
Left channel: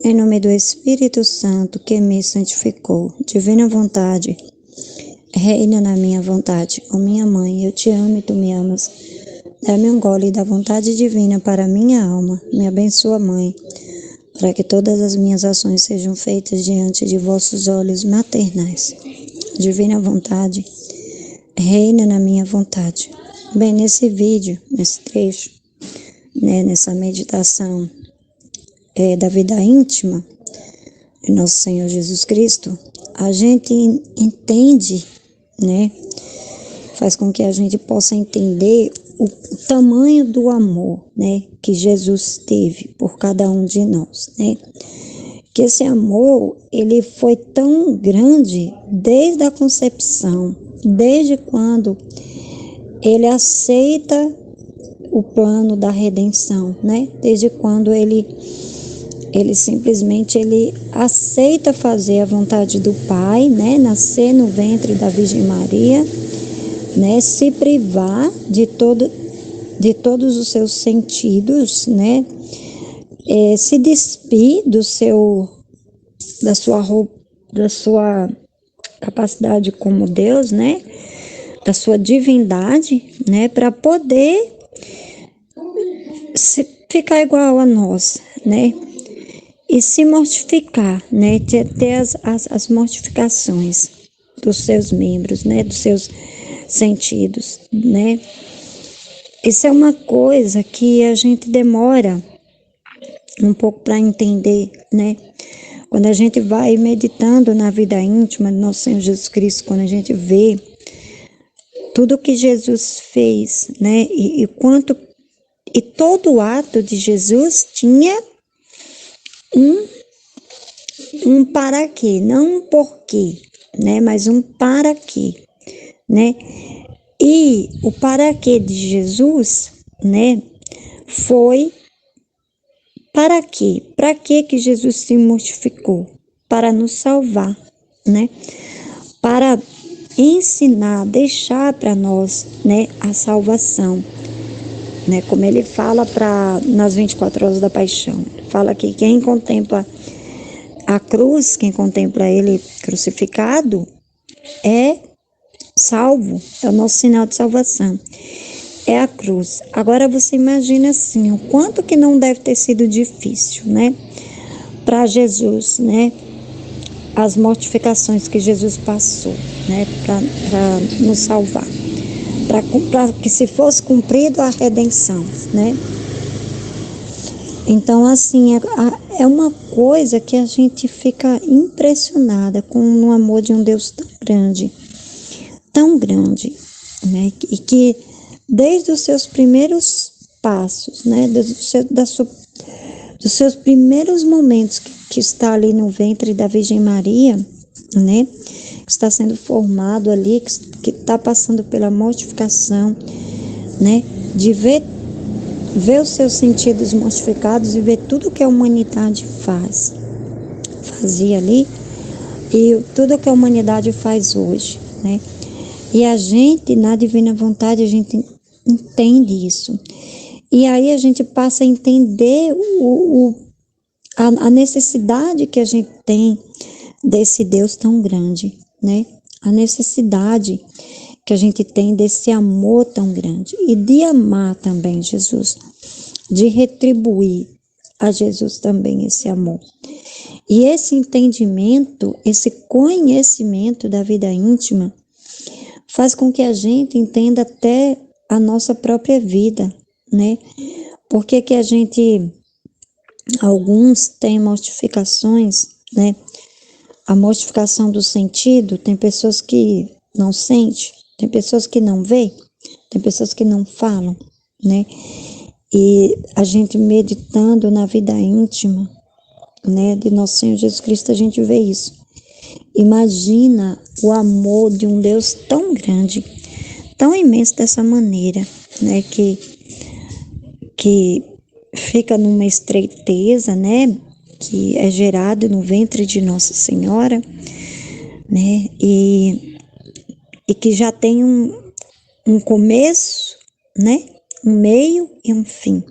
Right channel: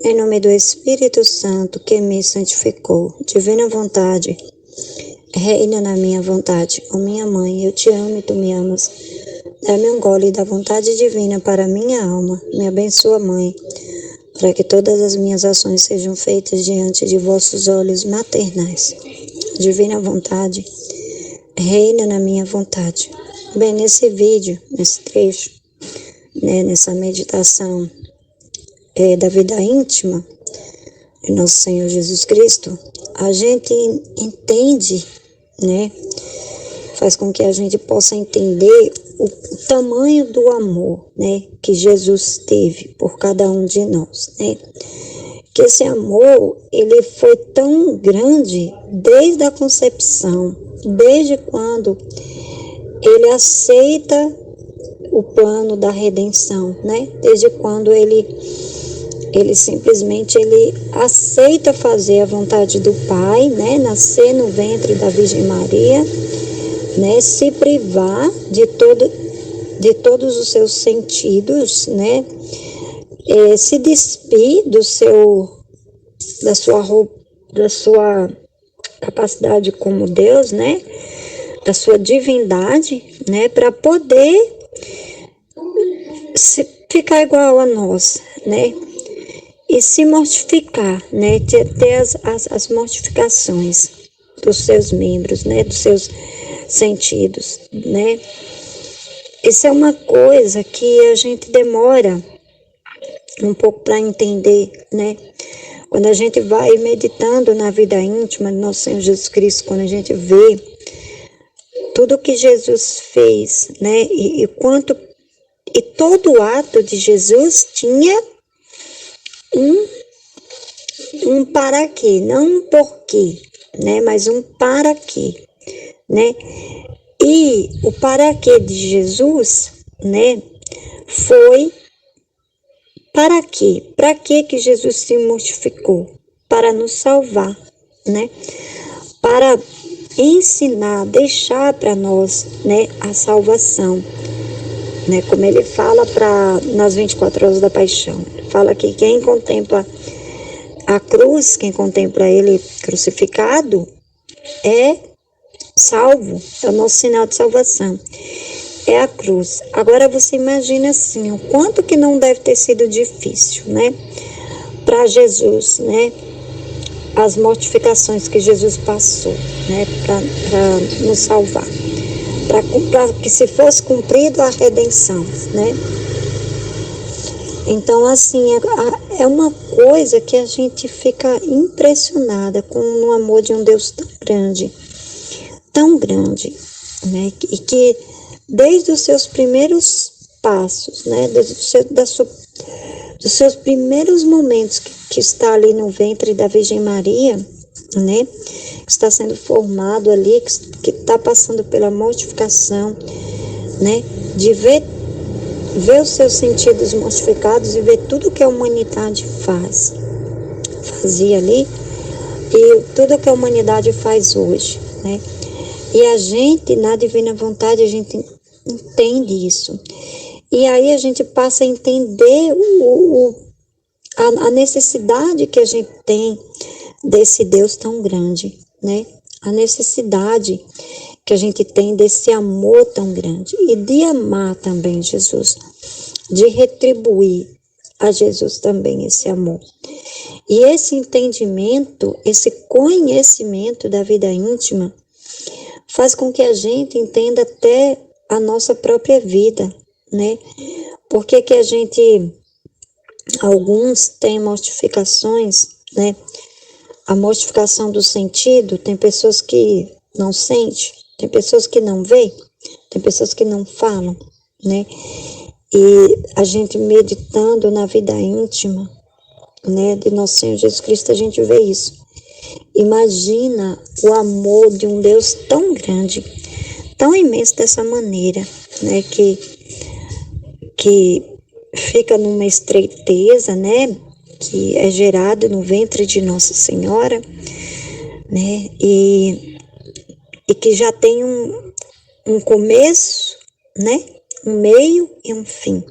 em nome do Espírito Santo que me santificou, divina vontade, reina na minha vontade. Ó minha mãe, eu te amo e tu me amas. Dá-me um gole da vontade divina para minha alma. Me abençoa, Mãe, para que todas as minhas ações sejam feitas diante de vossos olhos maternais. Divina vontade, reina na minha vontade. Bem, nesse vídeo, nesse trecho, né, nessa meditação da vida íntima de Nosso Senhor Jesus Cristo, a gente entende, né, faz com que a gente possa entender o tamanho do amor, né, que Jesus teve por cada um de nós, né, que esse amor, ele foi tão grande desde a concepção, desde quando ele aceita o plano da redenção, né? Desde quando ele simplesmente aceita fazer a vontade do Pai, né? Nascer no ventre da Virgem Maria, né? Se privar de todos os seus sentidos, né? Se despir da sua capacidade como Deus, né? Da sua divindade, né, para poder ficar igual a nós, né, e se mortificar, né, ter as mortificações dos seus membros, né, dos seus sentidos, né. Isso é uma coisa que a gente demora um pouco para entender, né. Quando a gente vai meditando na vida íntima de Nosso Senhor Jesus Cristo, quando a gente vê tudo que Jesus fez, né, e todo ato de Jesus tinha um para quê, não um porquê, né, mas um para quê, né, e o para quê de Jesus, né, foi para quê? Para quê que Jesus se mortificou? Para nos salvar, né, para ensinar, deixar para nós, né, a salvação, né, como ele fala nas 24 horas da paixão. Ele fala que quem contempla a cruz, quem contempla ele crucificado, é salvo, é o nosso sinal de salvação, é a cruz. Agora você imagina assim, o quanto que não deve ter sido difícil, né, para Jesus, né, as mortificações que Jesus passou, né, para nos salvar, para que se fosse cumprida a redenção, né. Então, assim, é uma coisa que a gente fica impressionada com o amor de um Deus tão grande, né, e que desde os seus primeiros passos, né, dos seus primeiros momentos que está ali no ventre da Virgem Maria, né, que está sendo formado ali, que está passando pela mortificação, né, de ver os seus sentidos mortificados e ver tudo que a humanidade fazia ali, e tudo que a humanidade faz hoje, né, e a gente, na divina vontade, a gente entende isso. E aí a gente passa a entender a necessidade que a gente tem desse Deus tão grande, né? A necessidade que a gente tem desse amor tão grande e de amar também Jesus, de retribuir a Jesus também esse amor. E esse entendimento, esse conhecimento da vida íntima, faz com que a gente entenda até a nossa própria vida, né? Porque que a gente, alguns têm mortificações, né? A mortificação do sentido, tem pessoas que não sentem, tem pessoas que não veem, tem pessoas que não falam, né? E a gente meditando na vida íntima, né, de nosso Senhor Jesus Cristo, a gente vê isso. Imagina o amor de um Deus tão grande, tão imenso dessa maneira, né, que fica numa estreiteza, né, que é gerado no ventre de Nossa Senhora, né, e que já tem um começo, né, um meio e um fim.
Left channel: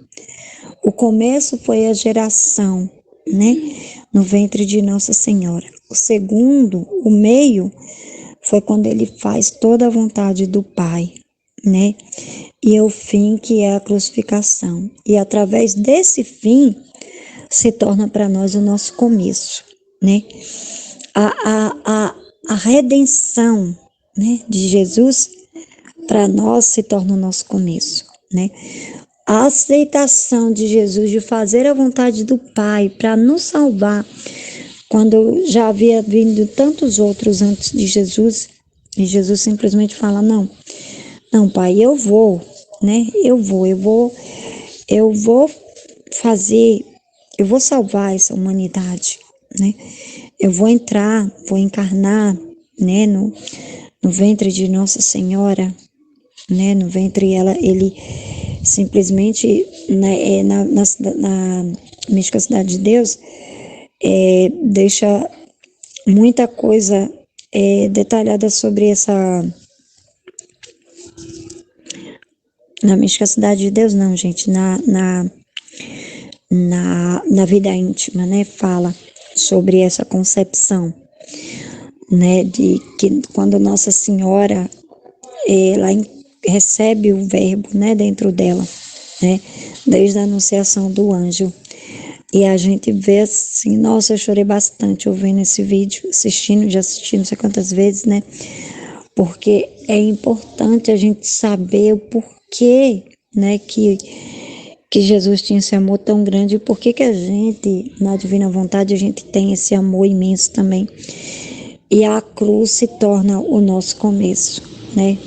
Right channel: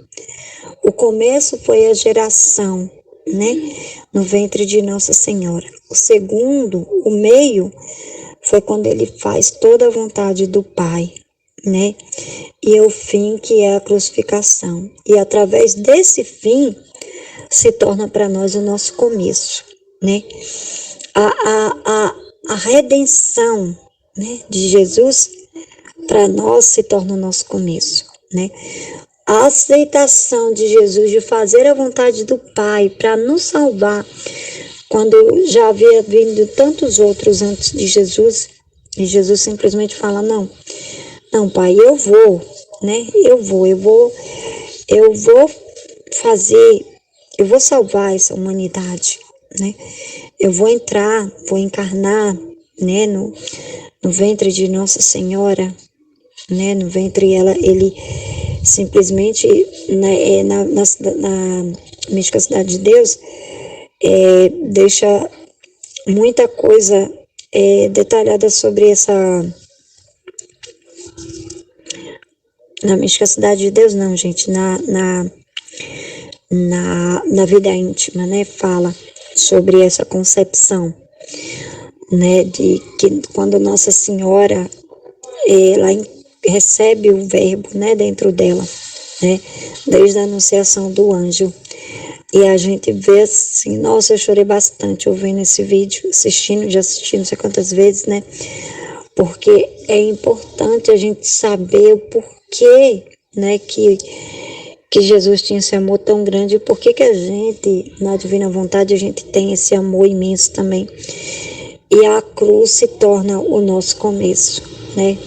O começo foi a geração, né, no ventre de Nossa Senhora. O segundo, o meio, foi quando ele faz toda a vontade do Pai, né, e o fim, que é a crucificação. E através desse fim, se torna para nós o nosso começo, né. A redenção, né, de Jesus, para nós se torna o nosso começo, né. A aceitação de Jesus de fazer a vontade do Pai para nos salvar, quando já havia vindo tantos outros antes de Jesus, e Jesus simplesmente fala: não, Pai, eu vou, né? Eu vou fazer, eu vou salvar essa humanidade, né? Eu vou entrar, vou encarnar, né, no ventre de Nossa Senhora, né, no ventre ele simplesmente, né, na Mística Cidade de Deus, deixa muita coisa detalhada sobre essa... Na Mística Cidade de Deus, não, gente, na vida íntima, né, fala sobre essa concepção, né, de que quando Nossa Senhora, ela recebe o verbo, né, dentro dela, né, desde a anunciação do anjo. E a gente vê assim, nossa, eu chorei bastante ouvindo esse vídeo, já assisti não sei quantas vezes, né, porque é importante a gente saber o porquê, né, que Jesus tinha esse amor tão grande, e por que a gente, na Divina Vontade, a gente tem esse amor imenso também. E a cruz se torna o nosso começo, né,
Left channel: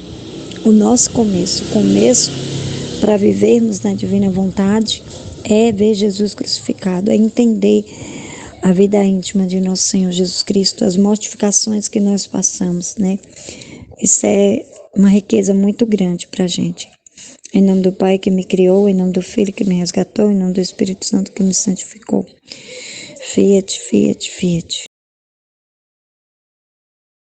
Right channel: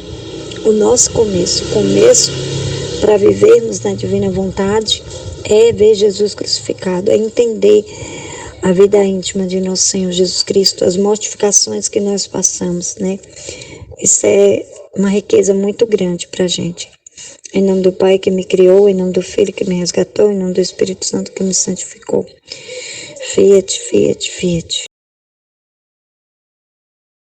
o nosso começo para vivermos na Divina Vontade é ver Jesus crucificado, é entender a vida íntima de nosso Senhor Jesus Cristo, as mortificações que nós passamos, né? Isso é uma riqueza muito grande para a gente. Em nome do Pai que me criou, em nome do Filho que me resgatou, em nome do Espírito Santo que me santificou. Fiat, fiat, fiat.